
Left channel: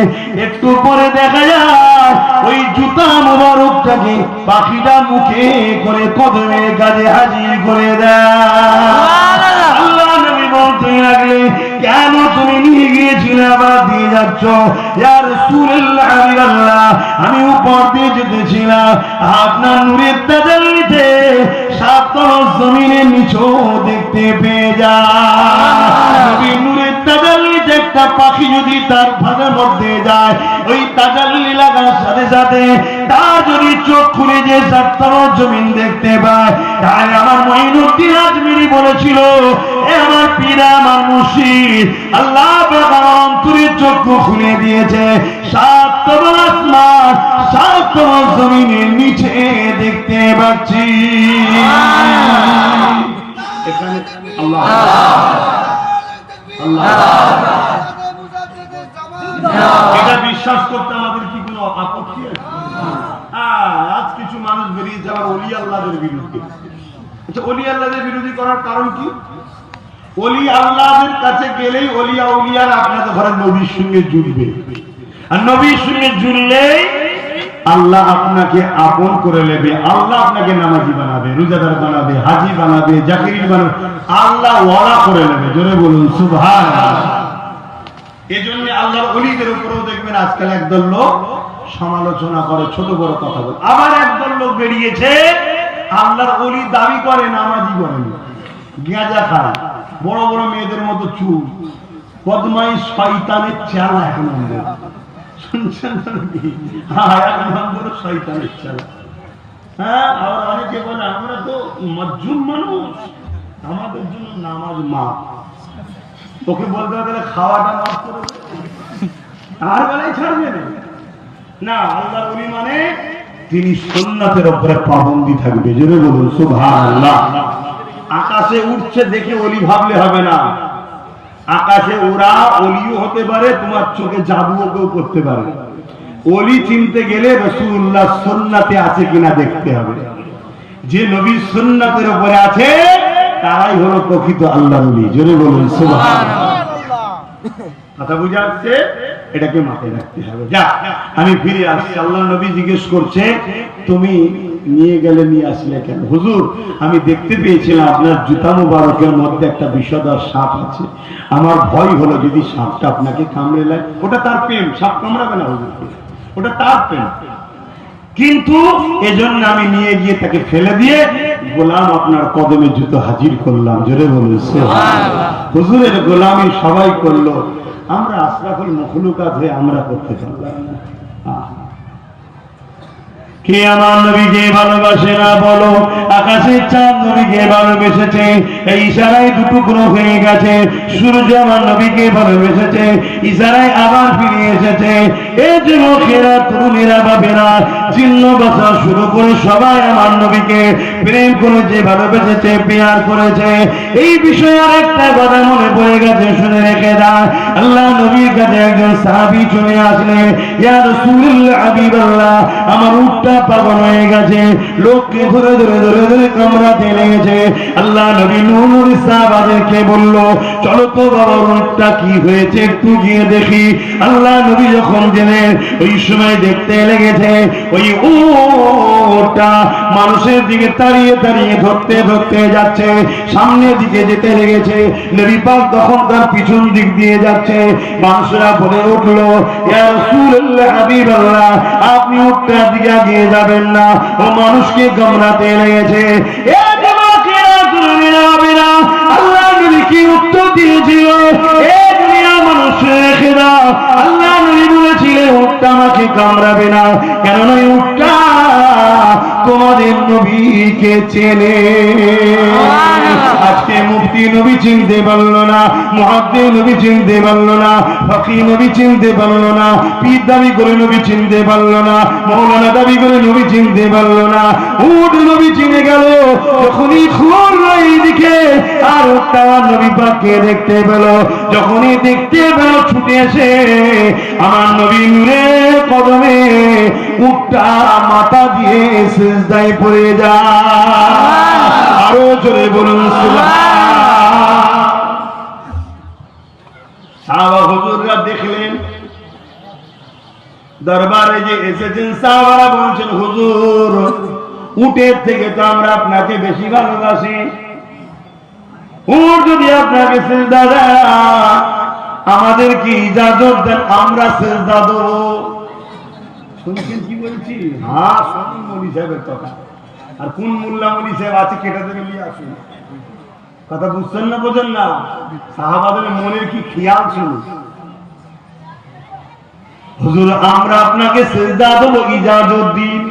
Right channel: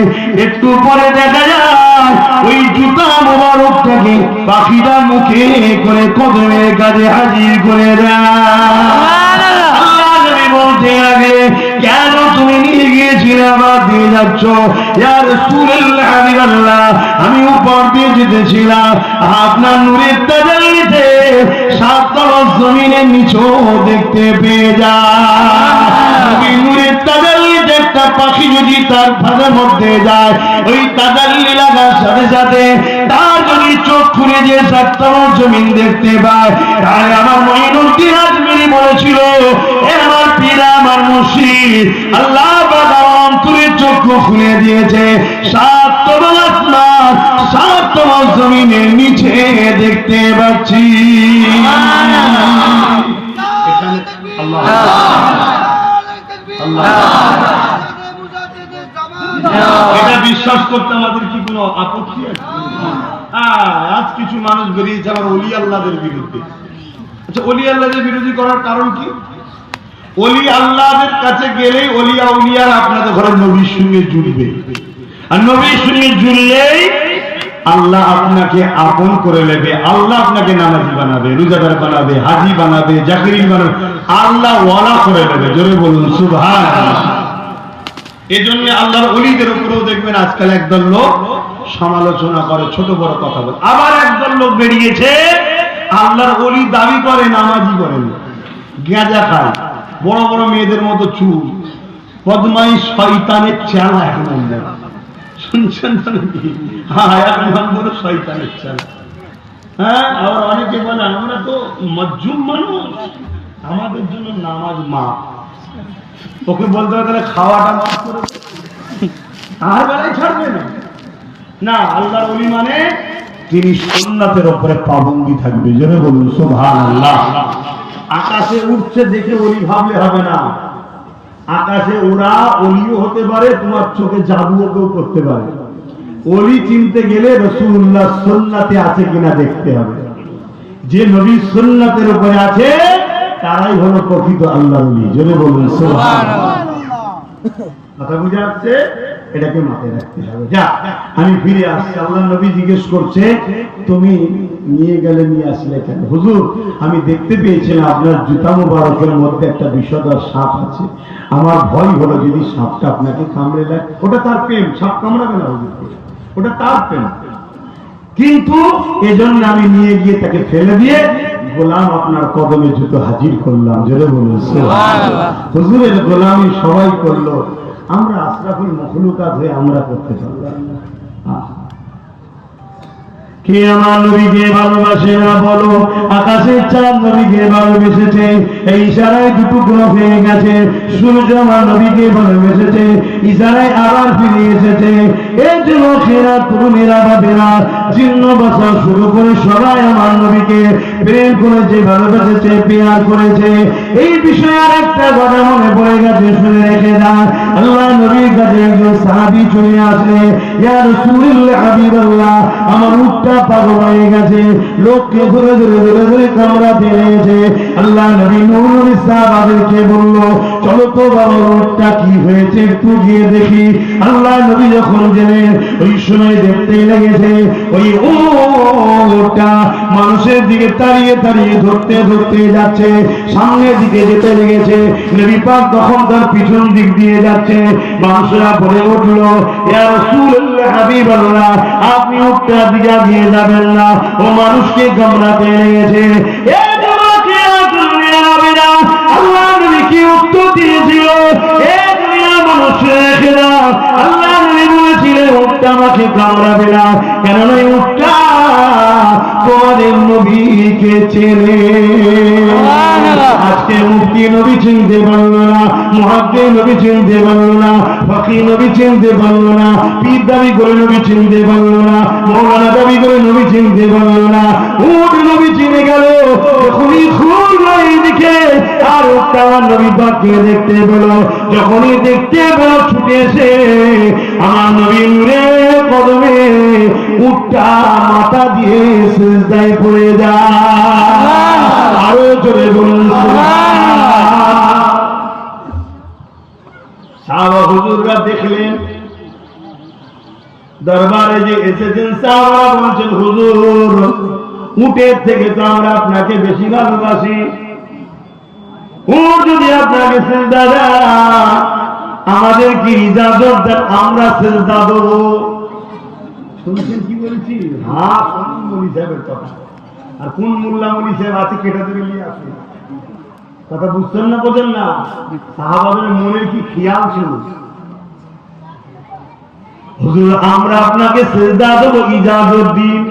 একটু পরে দেখা যায় ওই জুতা মোবারকটাকে পাখিটা মুখে করে কদমের কাছে হাজির করে দেয়। আল্লাহ নবী বলতে লাগে, কেন তুমি নিয়ে গিয়েছিলে আবার দিয়ে যাচ্ছ? ইয়া রাসূলুল্লাহ, হাবিবাল্লাহ, আমি উপর দিয়ে যেতেছিলাম, আপনার নূরের তাজাল্লিতে সাততল জমিনের নিচেও দেখতে পেয়ে যায়। নূরের তাজাল্লিতে একটা পাখি যদি তার ভাষার মধ্যে যায়, ওই তাজাল্লি লাগার সাথে সাথে তার যদি চোখ খুলে যে সাততল জমিন দেখতে পায়। তাই আমার মঈনুদ্দিন আজমিরি বলেছিল, এ আমার পীর, আমার মুর্শিদ, আল্লাহ পাক অন্তরের চক্ষু খুলে দিয়েছে। 7 তল আসমান 7 তল জমিনের নিচে দেখতে পাচ্ছি। এখানে আল্লাহ আল্লাহ এটা বিশ্বাস করতে আমাদের কি কোনো আপত্তি আছে? আজ কিছু মানুষ বেরিয়েছে আবার ওলি আল্লাহদের বিরুদ্ধে। আচ্ছা, ওলি আল্লাহদের বিরোধী করার কারণ কি? ওলি আল্লাহদের কাছে গেলে ওলিয়া উলিয়ার আপনাদের ঘরে নবীর সঙ্গে জুড়বে, আর নবীর সঙ্গে জুড়লেই আল্লাহ আপনাকে আপন করে নেবে। আল্লাহ আপনাকে নামাজি বানাবে, রোজাদার বানাবে, হাজি বানাবে, জাকির বানাবে, আল্লাহ ওয়ালা করে নেবে। জোরে বলুন সুবহানাল্লাহ। এজন্য আল্লাহর ওলিদের উপরেও দেখবেন আজকাল একদল লোক সমালোচনা করে, ছোট বড় কথা বলে। আবার একদল লোক বেরিয়েছে আল্লাহর ওলি দাবি করে, নামাজি করেন, গাঁজা খায়, বড় বড় মেয়েদের মতো চুল, বদমাইশ শয়তানের চেলা। এখন শুনছেন নাকি? হ্যাঁ, এখন বড় শয়তানের চেলা। হ্যাঁ, আবার অনেকে বলে আমরা তো মজজুম মানুষ, আমাদের জন্য নামাজ মাফ। ওকে বলতে হবে তাহলে খাওয়াটা মাফ করে আর বেলায় ছাড়বে না। না, আল্লাহর ওলি মানে তিনি সুন্নাতের উপরে পাবন্দি থাকবে। জোরে বলুন সুবহানাল্লাহ। আকাশে উঠছে দেখে ওলি ভাবলে হবে না। আকাশে ওরা ওলিও হতে পারে, তোমার চোখে জাদুও কেউ করতে পারে। ওলি চিনতে গেলে রাসূলুল্লাহ সুন্নাতে আছে কিনা দেখতে হবে। যে নবী সুন্নাতের উপরে আছে তারাই হলো প্রকৃত আল্লাহর ওলি। জোরে বলুন সুবহানাল্লাহ। কথা বুঝা যাচ্ছে? এটাকে মাথায় রাখতে হবে। যা, আমি ফিরে আসছি। আল্লাহ নবী জিজ্ঞেস করছে, তুমি নিয়ে গেলে নিয়ে আসলে কেন? হুজুর, আমি দেখতে পেয়েছিলাম আপনার জুতা মোবারকের মধ্যে একটা বিষধর সাপ আছে। আমার ভয় হলো যদি সাপটা আপনাকে কামড়ে লাগে। ওটা তার প্রেম, সাপ কামড়াবে না হুজুরকে, ওটা তার প্রেম। কিন্তু এজন্য আমি নিয়ে গিয়ে তাকে ফেলে দিয়ে গোলাম আপনার কদমে জুতো হাজির করলাম। জোরে বলুন সুবহানাল্লাহ। হুজুরের গোলামি সবাই করলো, আমরা আশরাফুল মখলুকাত হয়ে আমরা করতে পারলাম না। কে আমার নবীকে ভালোবাসে না বলো? আকাশের চাঁদ নবীকে ভালোবেসেছে, এই ইশারায় দুটুকরো হয়ে গেছে। সূর্য আমার নবীকে ভালোবেসেছে, ইশারায় আবার ফিরে এসেছে। এই যুবকেরা, তরুণেরা, বাবেরা, জিন্ন বাচ্চা শুরু করে সবাই আমার নবীকে প্রেম করেছে, ভালোবেসেছে, পেয়ার করেছে। এই বিষয়ে আরেকটা কথা মনে পড়ে গেছে, শুনে রেখে দাও। আল্লাহ নবীর কাছে একজন সাহাবী চলে আসলেন, ইয়া রাসূলুল্লাহ, হাবিবাল্লাহ, আমার উটটা পাগল হয়ে গেছে, লোককে ধরে ধরে ধরে ধরে কামড়াতে লেগেছে। আল্লাহ নবী নূর সাহাবাদেরকে বলল, চলো তো বাবা, উটটা কি হয়েছে একটু গিয়ে দেখি। আল্লাহ নবী যখন গেলেন, ওই সময় দেখতে লেগেছে ওই উটটা মানুষের দিকে তাড়িয়ে তাড়িয়ে ধরতে ধরতে যাচ্ছে, সামনের দিকে যেতে লেগেছে। নবী পাক তখন তার পিছন দিক দিয়ে যাচ্ছে। মানুষেরা বলে উঠলো, ইয়া রাসূলুল্লাহ, হাবিবাল্লাহ, আপনি উটটার দিকে এগিয়ে যাবেন না, ও মানুষকে কামড়াতে লেগেছে। আল্লাহ নবী কি উত্তর দিয়েছিল? মানুষেরা, আল্লাহ নবী বলেছিলেন উটটা আমাকে কামড়াবে না, কেননা উটটা তোমাদের নবীকে চেনে। আজকে মুফতি নবী চিনতে পারলো না, মুহাদ্দিস নবী চিনতে পারলো না, ফকিহ নবী চিনতে পারলো না, পীর দাবি করে নবী চিনতে পারলো না, মৌলানা দাবি করে নবী চিনতে পারলো না। উট নবী চিনে গেল যখনই খুলল এইদিকে, আর উটটা নবী পাককে দেখতে পেল। যখনই দেখতে পেল ছুটে এসে আমার নবী নূরের কদমে উটটা মাথা দিয়ে সিজদায় পড়ে যায়। আরো জোরে বলুন সুবহানাল্লাহ। সাহাবা হুজুররা দেখলেন, দরবারে যে এসেছেন সাহাবা বলছেন, হুজুর, উটের থেকে তো আমরা আপনাকে বেশি ভালোবাসি। উট যদি আপনাকে সিজদা দেয়, আমাদের কি ইজাজত দেন, আমরা সিজদা দেব। শুনছেন কি বলছি? হ্যাঁ, শুনুন মৌলী সাহেবের কথা। আর কোন মোল্লা মৌলী সাহেব আছে কেটে ধরে নিয়ে আসুন। কথা বুঝছেন না, বোঝেন না? সাহাবাদের মনের কি খেয়াল ছিল? হুজুর, আমরা আপনাকে সিজদা দেব, ইজাজত দিন।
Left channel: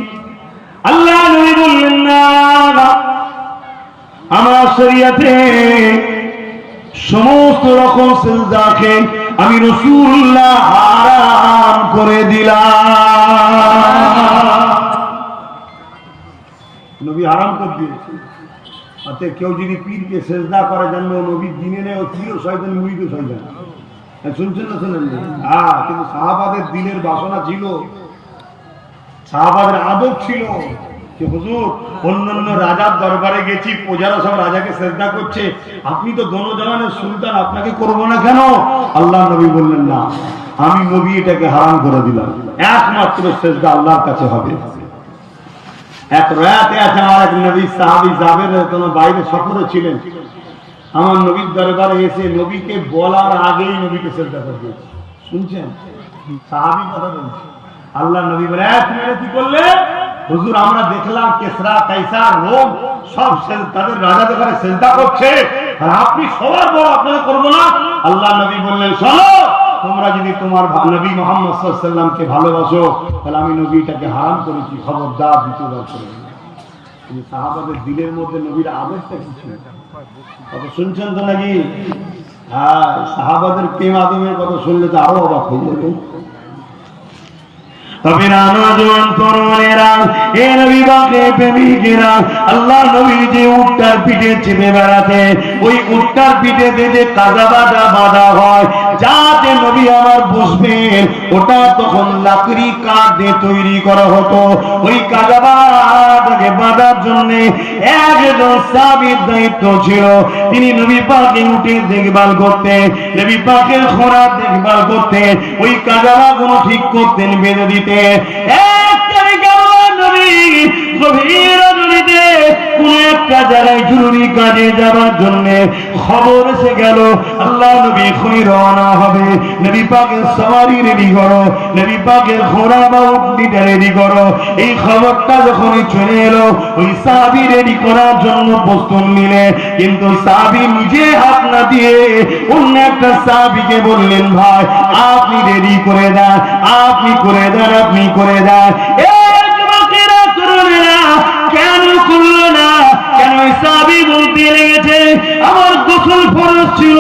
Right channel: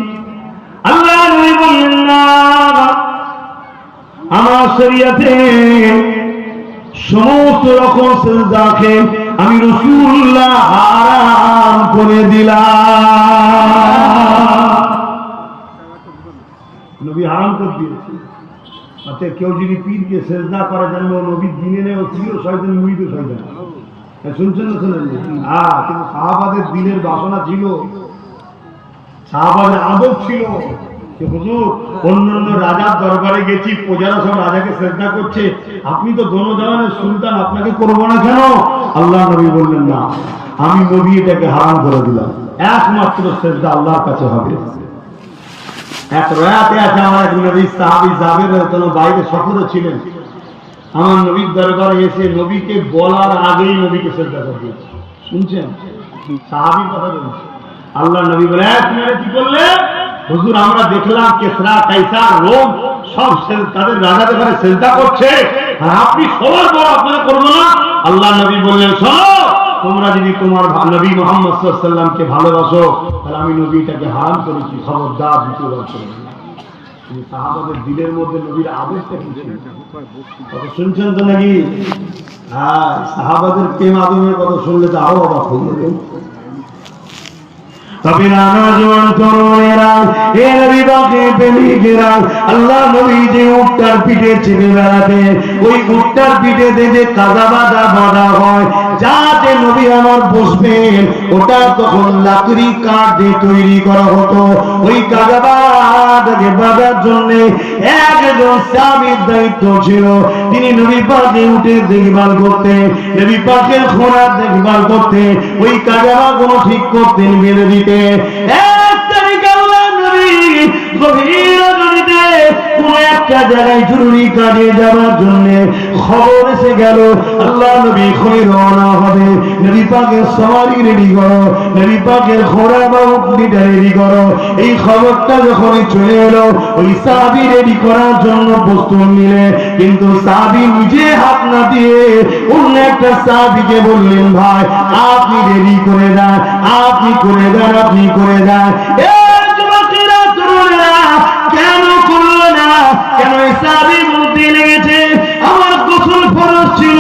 আল্লাহ নবী বললেন, না, আমার শরীয়তে সমস্ত রকম সিজদাকে আমি রাসূলুল্লাহ করে দিলাম। নবী হারাম করে দিয়েছে। অতএব কেউ যদি পীরকে সেজদা করে জানলো নবীর দিনে নেই, ও পীরও শয়তান, মুরিদও শয়তান। শুনছেন না শুনেন? হ্যাঁ, কিন্তু সাহাবাদের দিলের বাসনা ছিল, সাহাবাদের আদব ছিল যে হুজুর অন্যান্য রাজার দরবারে গেছি, প্রজারা সব রাজাকে সেজদা করছে, আপনি তো দোনোজাহানের সুলতান, আপনাকে করবো না কেন? আল্লাহ নবী বললেন না, আমি নবী এটাকে হারাম করে দিলাম, একমাত্র সেজদা আল্লাহর কাছে হবে। এক রাতে আছে আমার এক নবী সাহাবী জাবের রাদিয়াল্লাহু বাইরে সফরে ছিলেন, আমার নবীর দরবারে এসে নবীকে বলার আগেই নবীকে সেজদা করে দিয়েছে। শুনছেন? সাহাবী কথা বলছে। আল্লাহ নবী বলে, আপনারা কি করলেন? হুজুর আমরা দেখলাম কেসরা কাইসার রোম সব তাদের রাজাদের ঘরে সেজদা করছে, আর আপনি সবার বড়, আপনারা করবো না? আল্লাহ নবী বললেন, শোনো, তোমরা যদি তোমার নবী মুহাম্মদ সাল্লাল্লাহু আলাইহি ওয়াসাল্লামকে ভালোবাসো, তাহলে আমি নবীটাকে হারাম করেছি, খবরদার দ্বিতীয়বার করবে না। কিন্তু সাহাবাদের দিলের মধ্যে নবীর আদবটা কি ছিল? কথা শুনছেন তো নাকি? হ্যাঁ, সাহাবাদের প্রেম আদমের কথা শুনলে তো আরো অবাক হয়ে যাবে। তবে না নজওয়ান তরুণেরা, এ নবী পাকের প্রেমিকেরা, আল্লাহ নবী যে উটটার পিঠে চেপে বেড়াতে, ওই উটটার পিঠে যে কাদা বাঁধা হয় যাতে নবী আমার বসবেন, ওটা তখন লাকড়ি কাঠ দিয়ে তৈরি করা হতো। ওই কাদা বাঁধাকে বাঁধার জন্য একজন সাহাবীর দায়িত্ব ছিল, তিনি নবী পাকের উঠে দেখভাল করতেন, নবী পাকের ঘোড়ার দেখভাল করতেন, ওই কাদা বাঁধাগুলো ঠিক করতেন, বেঁধে দিতেন। এক তারিখে আল্লাহ নবী গভীর রজনীতে কোন একটা জায়গায় জরুরি কাজে যাওয়ার জন্য খবর এসে গেল, আল্লাহ নবী এখনই রওনা হবে, নবী পাকের সওয়ারি রেডি করো, নবী পাকের ঘোড়া বা উটটা রেডি করো। এই খবরটা যখনই চলে এলো, ওই সাহাবী রেডি করার জন্য প্রস্তুত নিলে, কিন্তু সাহাবী নিজে হাত না দিয়ে অন্য একটা সাহাবীকে বললেন, ভাই আপনি রেডি করে দেন, আপনি করে দেন, আপনি করে দেন। এই যুবকেরা, তরুণেরা কেন করলো না? কেন? সাহাবী বলতে লেগেছে, আমার গোসল ফরজ ছিল,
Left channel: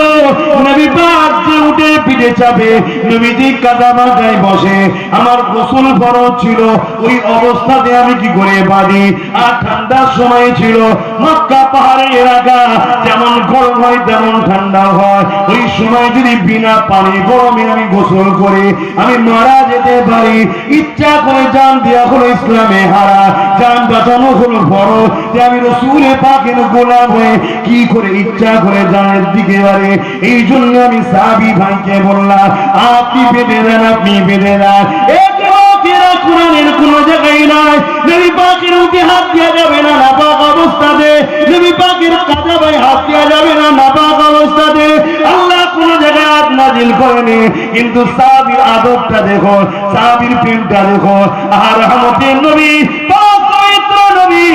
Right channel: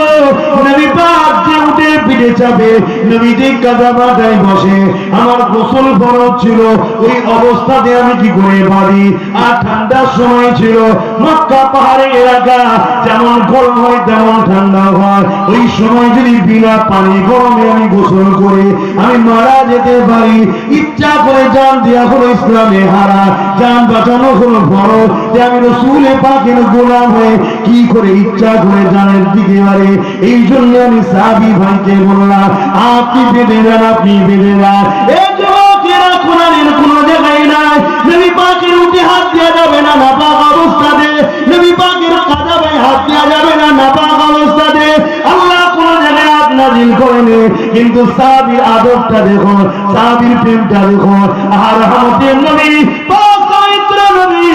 নবী পাক যে উঠে পিঠে চাপে, নবী যে কাদা বাঁধায় বসে, আমার গোসল ফরজ ছিল, ওই অবস্থাতে আমি কি করে বাঁধি? আর ঠান্ডার সময় ছিল, মক্কা পাহাড়ের এলাকা, যেমন গরম হয় তেমন ঠান্ডা হয়, ওই সময় যদি বিনা পানি গরমে আমি গোসল করে আমি মারা যেতে পারি। ইচ্ছা করে জান দেওয়া হলো ইসলামে হারা, জান বাঁচানো হলো ফরজ, যে আমি রাসূল পাকের গোলাম হয়ে কি করে ইচ্ছা করে জানের দিকে বাড়ে। এই জন্য আমি সাহাবী ভাইকে বললাম, আপনি বেঁধে দেন, আপনি বেঁধে দেন। এই যুবকেরা, কোরআনের কোন জায়গায় নাই নবী পাকের উঠে হাত দেওয়া যাবে না নাপাক অবস্থাতে, নবী পাকের কাদা ভাই হাত দেওয়া যাবে না নাপাক অবস্থাতে। আল্লাহ কোন জায়গায় হাত নাজিল করেনি, কিন্তু সাহাবীর আদবটা দেখো, সাহাবীর প্রেমটা দেখো। আর রহমতের নবী পাক পবিত্র নবী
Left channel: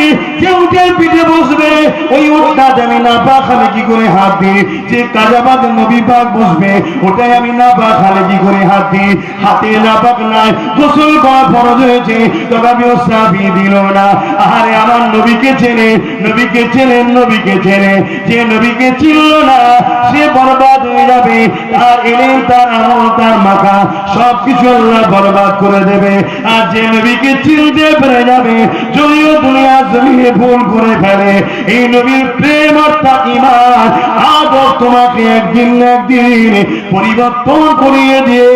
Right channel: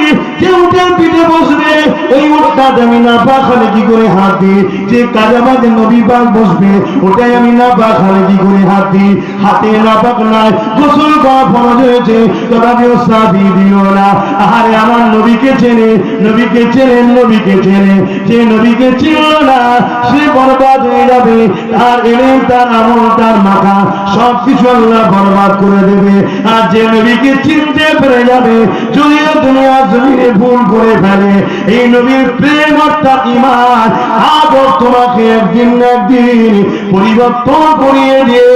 যে উটের পিঠে বসবে, ওই উটটাতে আমি নাপাক হলে কি করে হাত দিই? যে কাদা বাঁধে নবী পাক বসবে, ওটাই আমি নাপাক হলে কি করে হাত দিই? হাতে নাপাক নাই, গোসল করা ফরজ হয়েছে, তথাপিও সাহাবী দিল না। আরে আমার নবীকে চেনে, নবীকে চেনে, নবীকে চেনে, যে নবীকে চিনল না সে বরবাদ হয়ে যাবে, তার ইলম, তার আমল, তার মাখা সবকিছু আল্লাহ বরবাদ করে দেবে। আর যে নবীকে চিনতে পেরে যাবে, যদিও দুনিয়ার জমিনে ভুল করে ফেলে, এই নবীর প্রেম অর্থাৎ ঈমান আদব তোমাকে একদিন না একদিন পরিবর্তন করিয়ে দিয়ে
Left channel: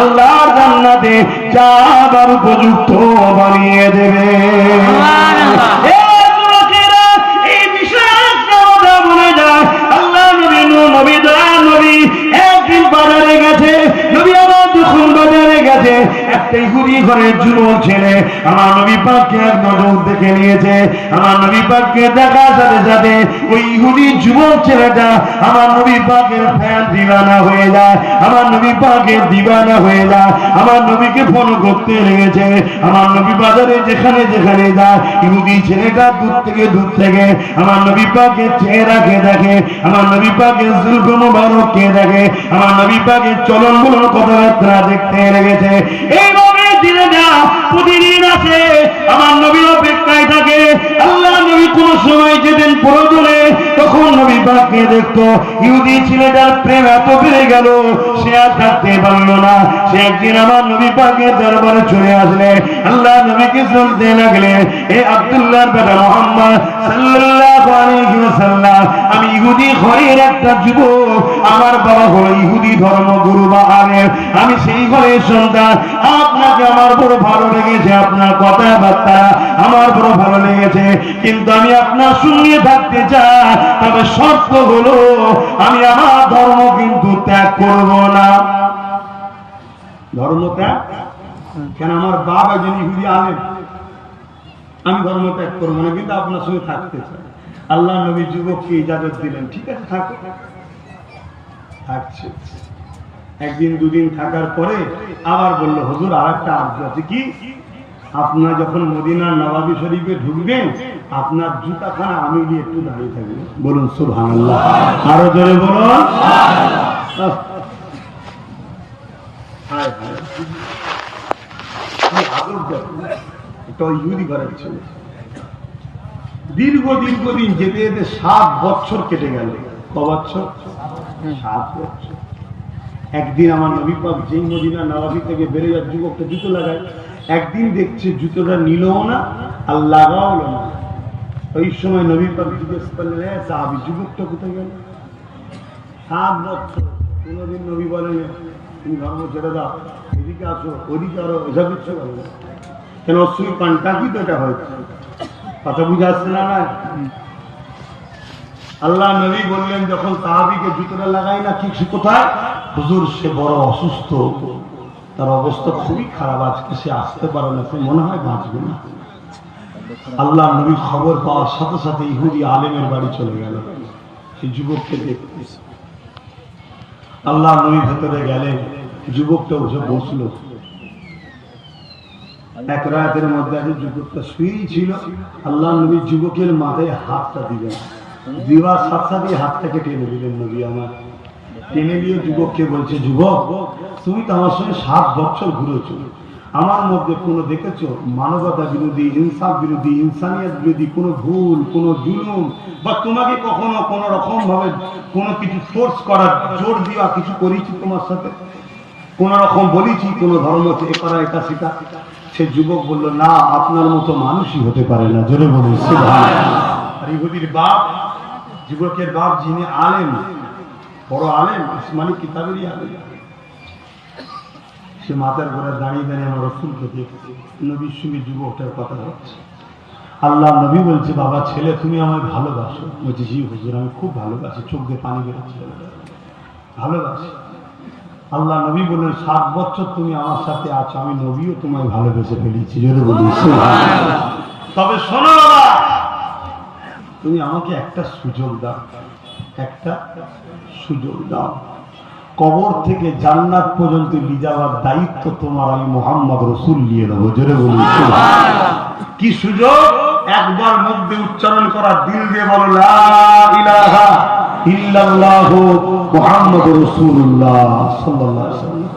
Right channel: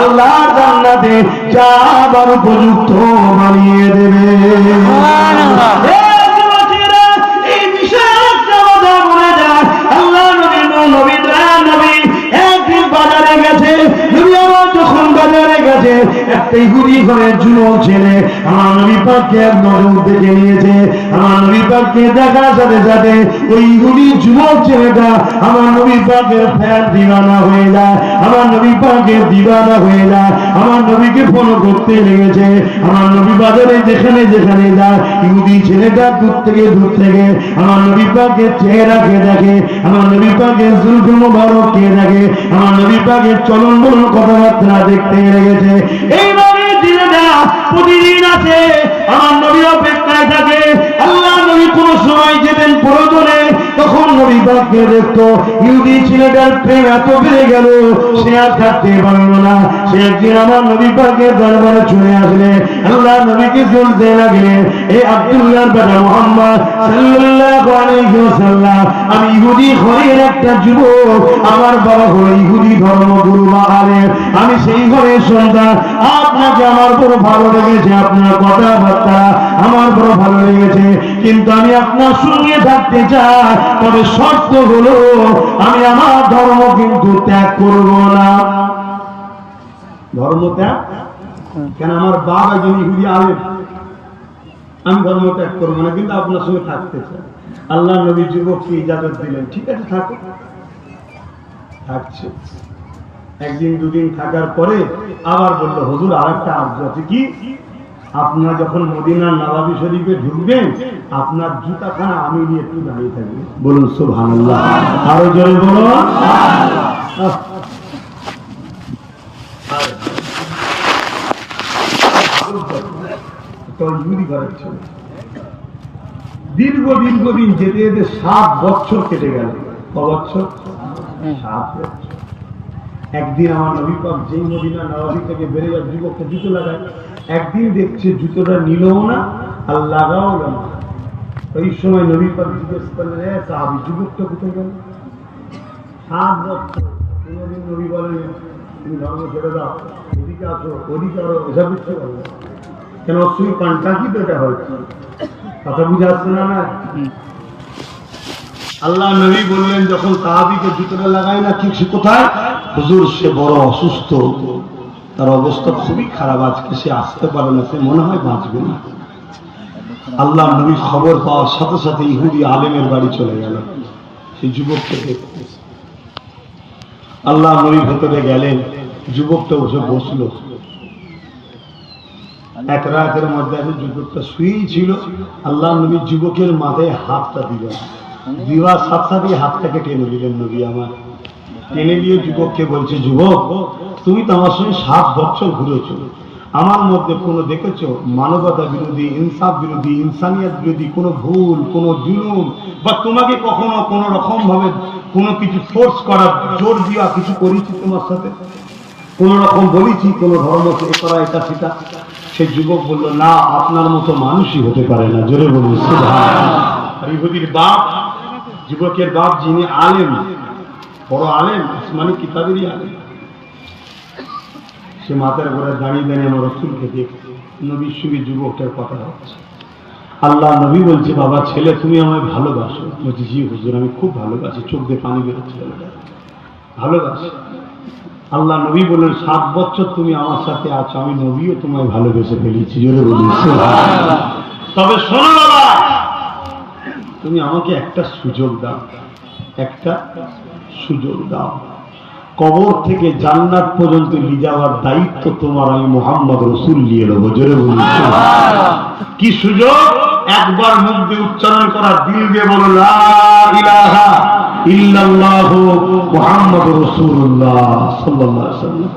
আল্লাহর জান্নাতে যাবার উপযুক্ত বানিয়ে দেবে। এই বিষয়ে একটা কথা বলে যায়, আল্লাহ নবী, নবী দয়ার নবী একদিন বাজারে গেছে, নবী আমার যখন বাজারে গেছে, একটা ইহুদি ঘরের যুবক ছেলে আমার নবী পাককে এক নজর দেখে নিয়েছে। আমার নবী পাককে দেখার সাথে সাথে ওই ইহুদি যুবক ছেলেটা আমার নবী পাকের ফ্যান দিওয়ানা হয়ে যায়, আমার নবী পাকের দিওয়ানা হয়ে যায়, আমার নবীকে ফলো করতে লেগেছে। আমার নবী বাজারে যেখানে যেখানে যায়, ইহুদি ছেলেটা দূর থেকে আমার নবী পাকের চেহারাকে দেখে, আমার নবী পাকের জুলফ মুবারককে দেখে, আমার নবী পাকের চলন বলন কথাবার্তা দেখতে লেগেছে। এইভাবে ছেলেটা প্রতিদিন আছে, আমার নবী অপেক্ষায় থাকে। আল্লাহ নবী কোন সময় যেতেন প্রয়োজনে তখন নবী পাককে দেখতো। ইহুদি ছেলেটার প্রেম এত বেড়ে গেল, সে আর থাকতে পারল না। সে একদিন আমার নবী পাকের দরবারে চলে আসলে, আল্লাহ নবীকে বলতে লাগলে, এ আব্দুল্লাহর বেটা মুহাম্মদ সাল্লাল্লাহু আলাইহি ওয়াসাল্লাম, আমি ইহুদি ঘরের একটা যুবক, আমার বাবা হলো ইহুদি ধর্মগুরু বা আলেম, আমি সেই ঘরের সন্তান। আপনাকে আমার বড় ভালো লেগেছে, আপনার কথাবার্তা আমার বড় ভালো লেগেছে, কিন্তু আমি আপনার সঙ্গে থাকতে চাই, তবে শর্ত হলো আমি আমার ধর্ম কিন্তু ত্যাগ করব না। ধর্ম ত্যাগ কেন? আমার বাবা একজন ইহুদি আলেম, আমি ধর্ম ত্যাগ করবো না, কিন্তু আপনার সঙ্গে থাকতে চাই। আল্লাহ নবী যুবককে ইজাজত দিলেন, ঠিক আছে থাকো। থাকছে একদিন দুদিন থাকার পরে আবার বললো, হুজুর আর একটা আর্য আছে। কি? আপনার যখন মদিনার নবাবী শরীফে ঢুকবেন, আপনার জুতাখানা আমি নিয়ে একটু দাঁড়িয়ে থাকবেন। বলুন সুবহানাল্লাহ, আরো জোরে বলুন। দীর্ঘদিন যেতে যেতে 7 বছর কেটে গেল। ক বছর? 7 বছর। একদিন আমার নবী পাক যেই মদিনা নবাবী থেকে বেরিয়ে যাওয়ার যুবকটা জুতো লাগায়, একদিন দেখছে জুতোটা নিলও না আর লাগাও না। ওই সময় নবী পাক জিজ্ঞেস করলেন, সাহাবী যুবকটা কোথায় গেল? 7 বছর কোনোদিন নবী বলেন তুমি ধর্ম ছেড়ে দাও, এদিকে আসো, ওদিকে আরো, এসব কিছু কেন? অশ্রী পান্টা কি তো এটা হয়, কথা বুঝে আসছে না? না, আল্লাহ নবী বললেন যখন সাহাবীকে জুতোটা লাগাই না, ঠিক সে কোথায়? হুজুর সে বড় অসুস্থ, তার অবস্থা খুবই খারাপ, আজকে সে আসতে পারে না, সে মনে হয় বাঁচবে না। আল্লাহ নবী খবর পাওয়ার সাথে সাথে ইহুদি আলেমের বাড়ি চলে গেল সেই যুবককে দেখতে। আল্লাহ নবী ভেতরে গেলেন, যুবকটা উঠে বসলো। এক রাতের মধ্যে যুবকটা শুয়েই ছিল। আল্লাহ নবী যুবকের মাথায় হাতটা দিলেন, দিবার সাথে সাথে হাতটাকে টেনে দিলেন নবী আমার। টেনে দিয়ে যুবককে বলছে, যুবক তুমি তো আমার সঙ্গে 7 বছর ঘুরেছ, আমার মধ্যে কোনো দেখেছো মানবতা বিরোধী, ইনসাফ বিরোধী, ইনসানিয়ত বিরোধী কোনো ভুল, কোনো জুলুম, বা তোমাকে কখনো কোনো রকম ভাবে কোনো কিছু ফোর্স করার, জোর দেওয়া কিছু করেছি তোমার সাথে? কোন রকম বলেছি কোনো ধর্ম এ করা, এটা সেটা? সে যুবক বলল, না, আপনার মতো মানুষই হতে পারে না। জোরে বলুন সুবহানাল্লাহ। আর ইহুদির বাপ, যুবকের বাপ যিনি আলেম, বড় আলেম, আসমানি কিতাবেরই আলেম, সে মাথার ঘরে দাঁড়িয়ে দাঁড়িয়ে আমার রাসূলকে দেখছে, নবীর সঙ্গে যুবকটার কথা হচ্ছে। আল্লাহ নবী বলছে, বাবা ছেলে তুমি আমায় ভালোবাসো? বলছে, জি হুজুর আমি খুব ভালোবাসি। চোখ দিয়ে পানি বেরোচ্ছে, ভালোবাসি। আল্লাহ নবী বললেন, 7 বছর তুমি আমার সাথে আছো, আমি নবীও তোমায় ভালোবেসে ফেলেছি। জোরে বলুন সুবহানাল্লাহ। তবে শোনো বাবা, তুমি আমাকে একটা সুযোগ দাও, একটা সুযোগ দাও। কবর থেকে জান্নাত পর্যন্ত নিয়ে যাওয়ার দায়িত্ব তোমার, আমি মুহাম্মদ রাসূল নিয়ে নেব। জোরে বলুন সুবহানাল্লাহ। কি সুযোগ? একবার মুখ দিয়ে উচ্চারণ করা, দিল দিয়ে বলো লা ইলাহা ইল্লাল্লাহু মুহাম্মাদুর রাসূলুল্লাহ সাল্লাল্লাহু আলাইহি ওয়াসাল্লাম।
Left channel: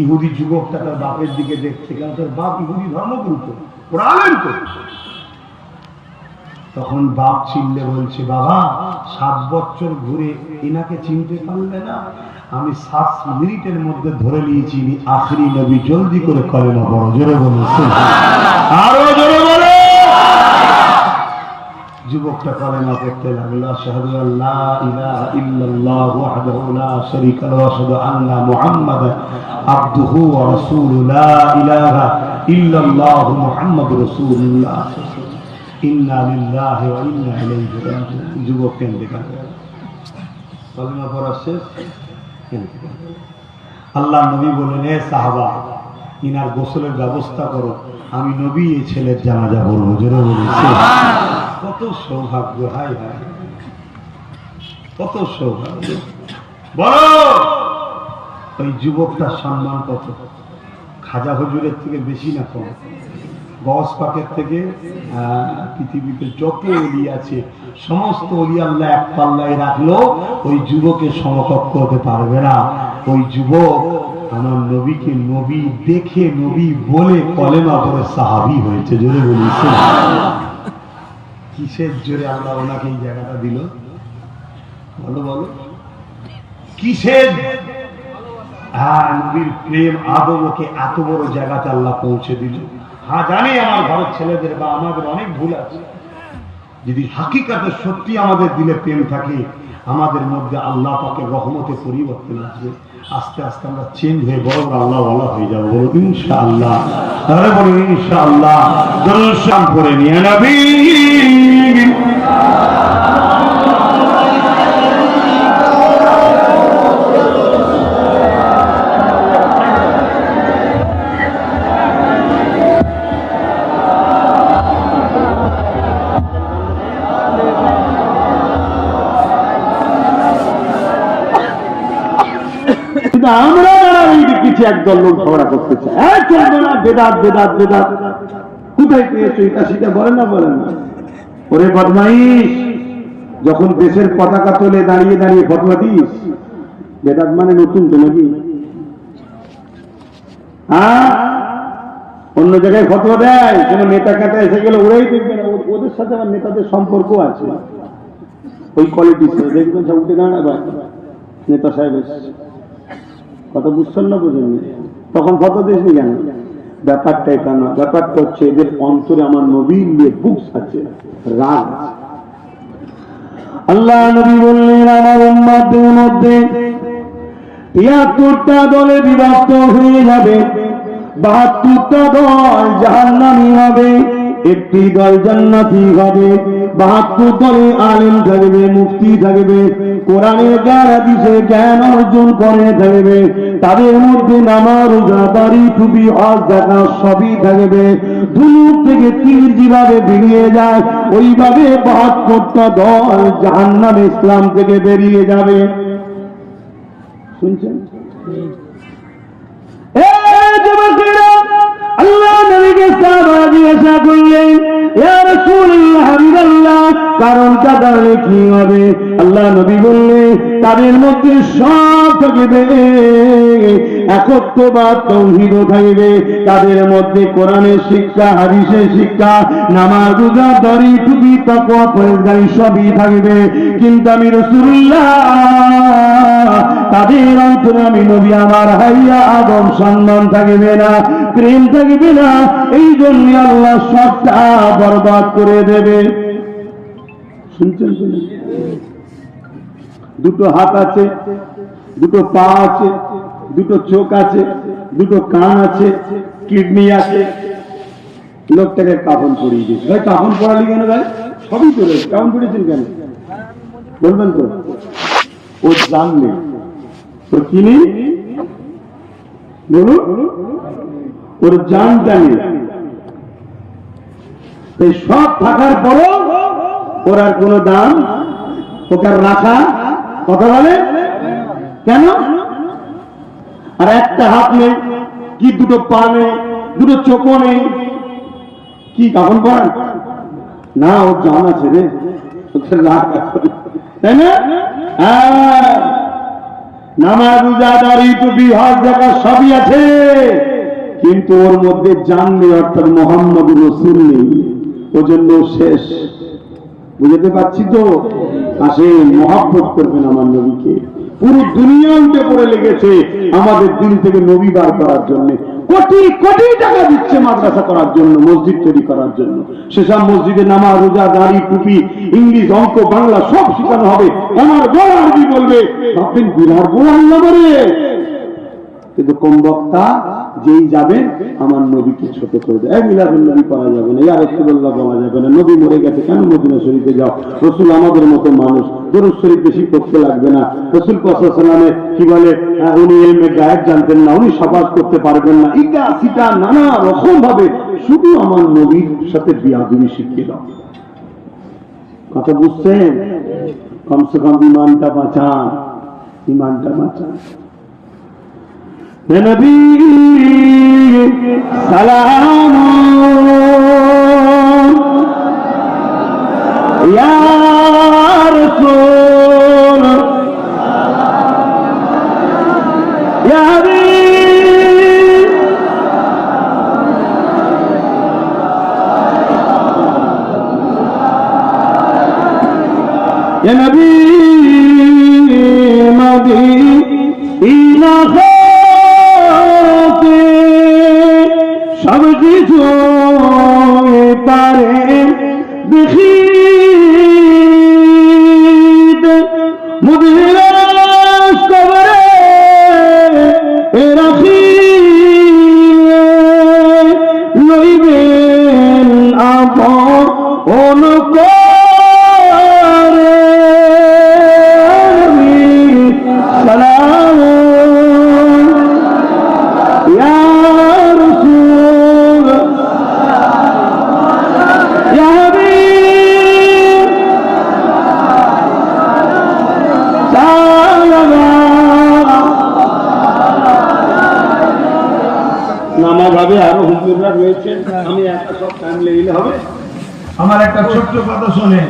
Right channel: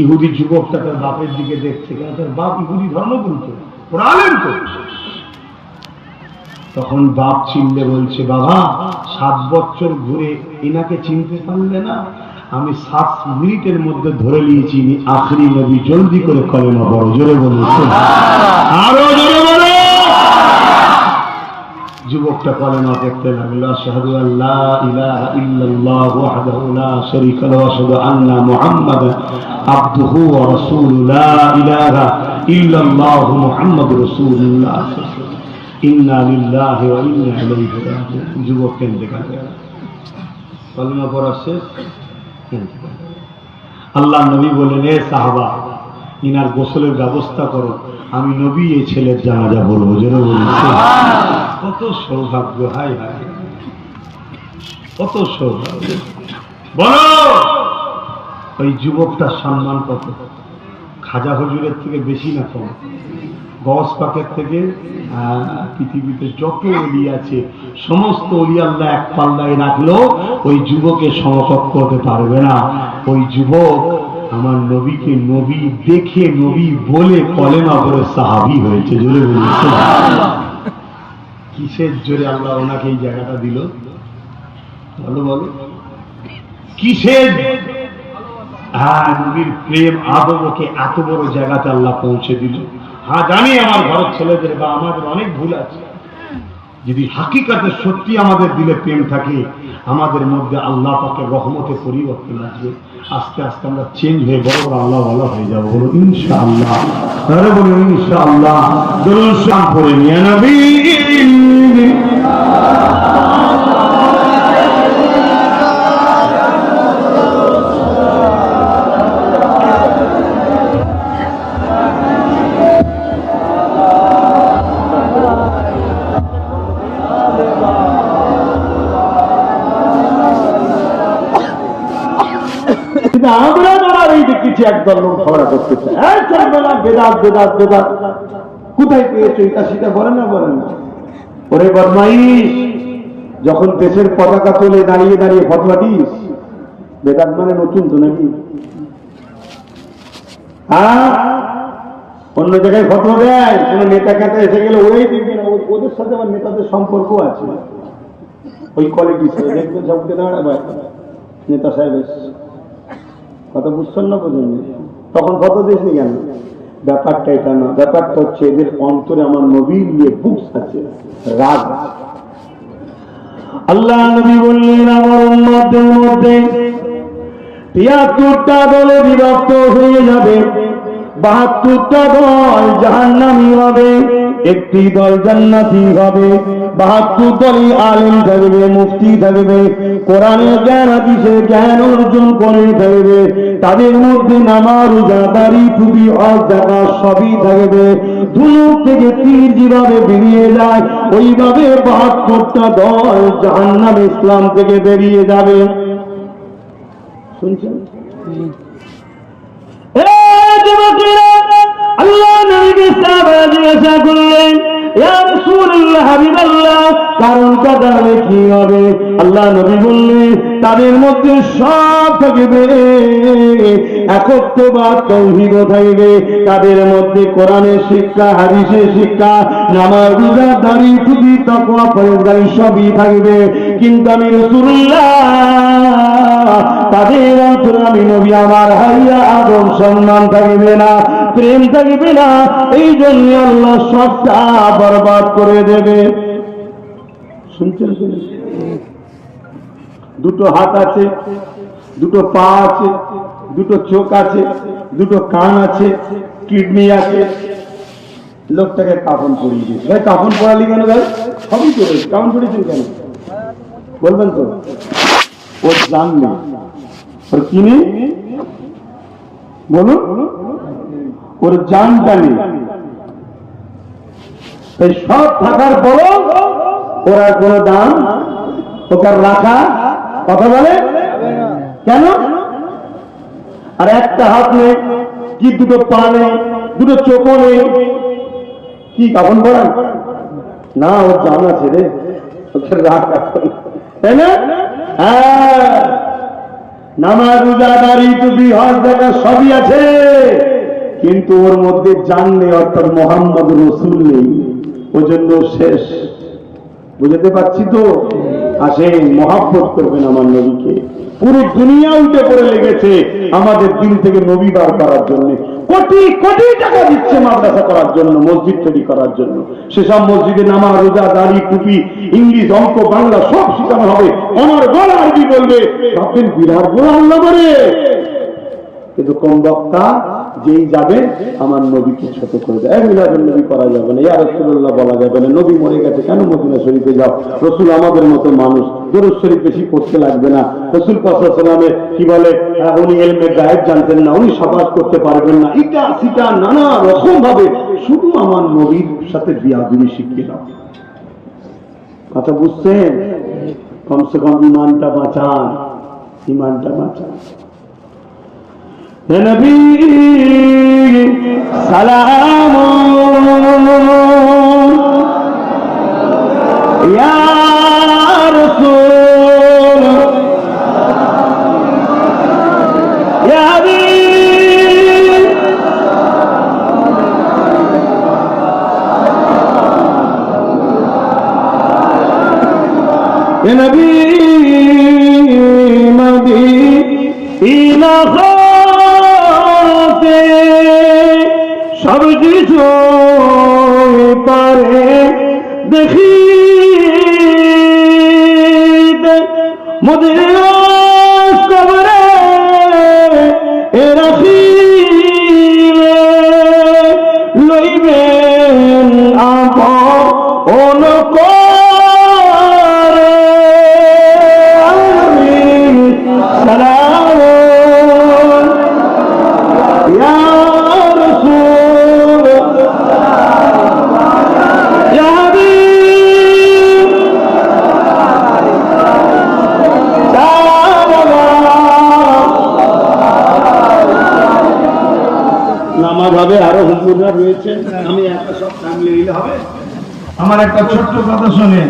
ইহুদি যুবকটা তার বাপের দিকে দেখছে, কারণ তার বাপ ইহুদি ধর্মগুরু তো, পড়ালেন তো। তখন বাপ চিনলে বলছে, বাবা 7 বছর ঘুরে এনাকে চিনতে পারলে না? আমি 7 মিনিটের মধ্যে ধরে নিয়েছি ইনি আখরি নবী, জলদি করে কলেমা পড়ো। জোরে বলুন সুবহানাল্লাহ, আরো জোরে বলো। যুবকটা কলেমা পড়তে লাগলো, আশহাদু আল্লা ইলাহা ইল্লাল্লাহু ওয়াহদাহু লা শারীকা লাহু ওয়া আশহাদু আন্না মুহাম্মাদান আবদুহু ওয়া রাসূলুহু লা ইলাহা ইল্লাল্লাহু মুহাম্মাদুর রাসূলুল্লাহ ইন্না লিল্লাহি ওয়া ইন্না ইলাইহি রাজিউন। যুবক কেঁদে গেল, কলেমা পড়া শেষ। আল্লাহ নবী বললেন, এ সাহাবা ইনার গোসলের ব্যবস্থা করো, আমি নবী এই ছেলের জানাজা পড়বো। জোরে বলুন সুবহানাল্লাহ। কত সৌভাগ্য, হায় হায় কত সৌভাগ্য। বলো ওই যুবকটার সম্মান কত? খাজা হুজুরের থেকে বেশি না কম? গস পাকের থেকে? পৃথিবীতে যত ওলি আছে সমস্ত ওলি আল্লাহ এক পাল্লায় রাখলো, ওই যুবকের সমকক্ষ হতে পারবে না। ওই যুবক আমার নবীকে নবী দেখে, নবী বলে কলেমা পড়ে সাহাবী হয়েছে। জোরে বলুন সুবহানাল্লাহ। কিসের জোরে আল্লাহ ওনাকে এই জায়গাটা দিল? বলো বলো কিসের নবীর প্রেম আদবকে এত বড় জায়গাতে আল্লাহ পৌঁছে দিল। হ্যাঁ জানি আমার ঘরের ছেলেদের বা আমাদের অনেক ভুল আছে, যদি হাকিকাতে সত্যি আমাদের দিলে প্রেম থাকে আমাদের মধ্যে আল্লাহ পাকের রহমতে পরিবর্তন আসবে, আস্তে আস্তে আমরা চেঞ্জ হয়ে বড় বড় আল্লাহ ভালো হয়ে যাবো। বলো ইনশাআল্লাহ, তারা বলো ইনশাআল্লাহ। জনসাম করে নিয়ে নবী আমরা দাঁড়াই দেখতেছি একদল লোক ঝগড়া করতে চায়, চলবে না, বেদাত বেদাত বেদাত। কোথায় পেয়েছো এটা সেটা বলেন না, বলেন না। ওরে বদমাইশ, যখন দেশের পতাকা তোলে দাঁড়িয়ে দাঁড়িয়ে ফতোয়া দিস, বেদাত মানে নতুন তো নাকি? অন্য জায়গায় ফতোয়া দেয়, কোন নেতা কাটা এসে গেলে ওরাই দেখবে না, ওদের সাথে আমার নেতাদের সম্পর্ক আছে, ওই কোয়ালিটি দেখবেন সব উঠে দাঁড়াবে নেতা সাহেব কথা বুঝছেন না, বোঝেন তখন ফতোয়া দিসনি কেন? ব্যাপারটা এটা না, ব্যাপারটা হচ্ছে এদের অন্তরে আমার নবীর নিয়ে বুকস আছে, রাগ। আল্লাহ নবী বললেন আমার উম্মতের মধ্যে ৭৩টা দলে বিভক্ত হয়ে যাবে, ৭২টা দল জাহান্নামী হবে, একটি দল জান্নাতি হবে। ৭২ দলে আলেম থাকবে, মুফতি থাকবে, কোরআনের জ্ঞান হাদিসের জ্ঞান অর্জন করে থাকবে, তাদের মধ্যে নামাজ রোজা দাড়ি টুপি হজ যাকাত সবই থাকবে। ধনুক থেকে তীর যেভাবে বেরিয়ে যায় ওইভাবে ৭২টা দল জাহান্নাম ইসলাম থেকে বেরিয়ে যাবে। শুনছেন? আল্লাহ নবীকে সাহাবারা জিজ্ঞাসা করলেন, ইয়া রাসূলুল্লাহ, হাবিবাল্লাহ, কারণটা তাহলে কি হবে? আল্লাহ নবী বললেন তাদের মধ্যে সব থাকবে, একত্ববাদ তাওহীদ থাকবে, তাদের মধ্যে কোরআনের শিক্ষা হাদিসের শিক্ষা নামাজ রোজা দাড়ি টুপি তাকওয়া পরহেজগারি সবই থাকবে। কিন্তু আমি রাসূলুল্লাহ তাদের অন্তরে আমি নবী আমার হাইয়া আদব সম্মান থাকবে না, প্রেম থাকবে না, এই জন্য আল্লাহ সবটা বরবাদ করে দেবে। শুনছেন? দুটো হাত আছে, দুটো পা আছে, দুটো চোখ আছে, দুটো কান আছে, কিডনি আছে, লোকটাকে কাফন পরিয়ে দিয়েছে। ভাই কাফন পরালি কেন? ভাই সবই তো রয়েছে, কাফন পরিয়েছেন কেন বলবেন তো? ও জানলে ওর কি নেই বলুন, ওর জানটা নেই, তাই সব থাকার পরও ওর আর কোন দাম, ওকে রাখা কথা বলে কেন? আর একটা হাত নেই কি, দুটো পা নেই, দুটো চোখও নেই, কি কাফন পরান না? ওর জান আছে রে, ওকে রাখ, তাই না? নামাজ রোজা দাড়ি টুপি হজ যাকাত সবই আছে, কিন্তু ওর মধ্যে জান নেই, অর্থাৎ মুহাম্মদ রাসূল নেই, ওর জন্য শেষ। বুঝতে পারছি তো? আসেন মহব্বত করবেন আমার নবীকে। পুরো দুনিয়া উঠে পড়ে লেগেছে আমাদের দিল থেকে নবী বার করার জন্য, কোটি কোটি টাকা দিচ্ছে মাদ্রাসা করার জন্য, মসজিদ তৈরি করার জন্য। সেসব মসজিদে নামাজ রোজা দাড়ি টুপি ইংলিশ অঙ্ক বাংলা সব শেখানো হবে, আমার বড় আরবি বলবে, ভাববেন বিরাট বড় আল্লাহ বলে। কিন্তু কোন বক্তা যেই যাবেন আমার নবীকে ছোট করে দেয়, মিলাদুন নবী করা যাবে না, ইয়া রাসূলুল্লাহ বলা যাবে না, নবী মরে গেছে কেন মদিনা শরীফে যাও, রাসূল আমাদের মতো মানুষ, দুরূদ শরীফ বেশি পড়তে লাগবে না, রাসূল পাক সাল্লাল্লাহু আলাইহি ওয়াসাল্লামের কি বলে উনি ইলমে গায়েব জানতেন না, উনি শাফাআত করতে পারবেন না, এটা সেটা নানা রকম ভাবে শুধু আমার নবীর সাথে বিয়াদবি শিখিয়ে দাও। কথা বুঝছেন? কমসে কম ইমানটা বাঁচান, ইমানটা বাঁচান। হে নবী সালাম ইয়া রাসূল ইয়া হাবিব, হে নবী সব কিছু পারে দেখি মোদের কবরে রাখি লইবেন আপন সালাম ইয়া রাসূল ইয়া হাবিব নামাজ হবে, আরো হুজুররা রয়েছে, আমি একা সব ফ্যামিলি হবে। আমার একটা ছোট্ট কথা শোনেন।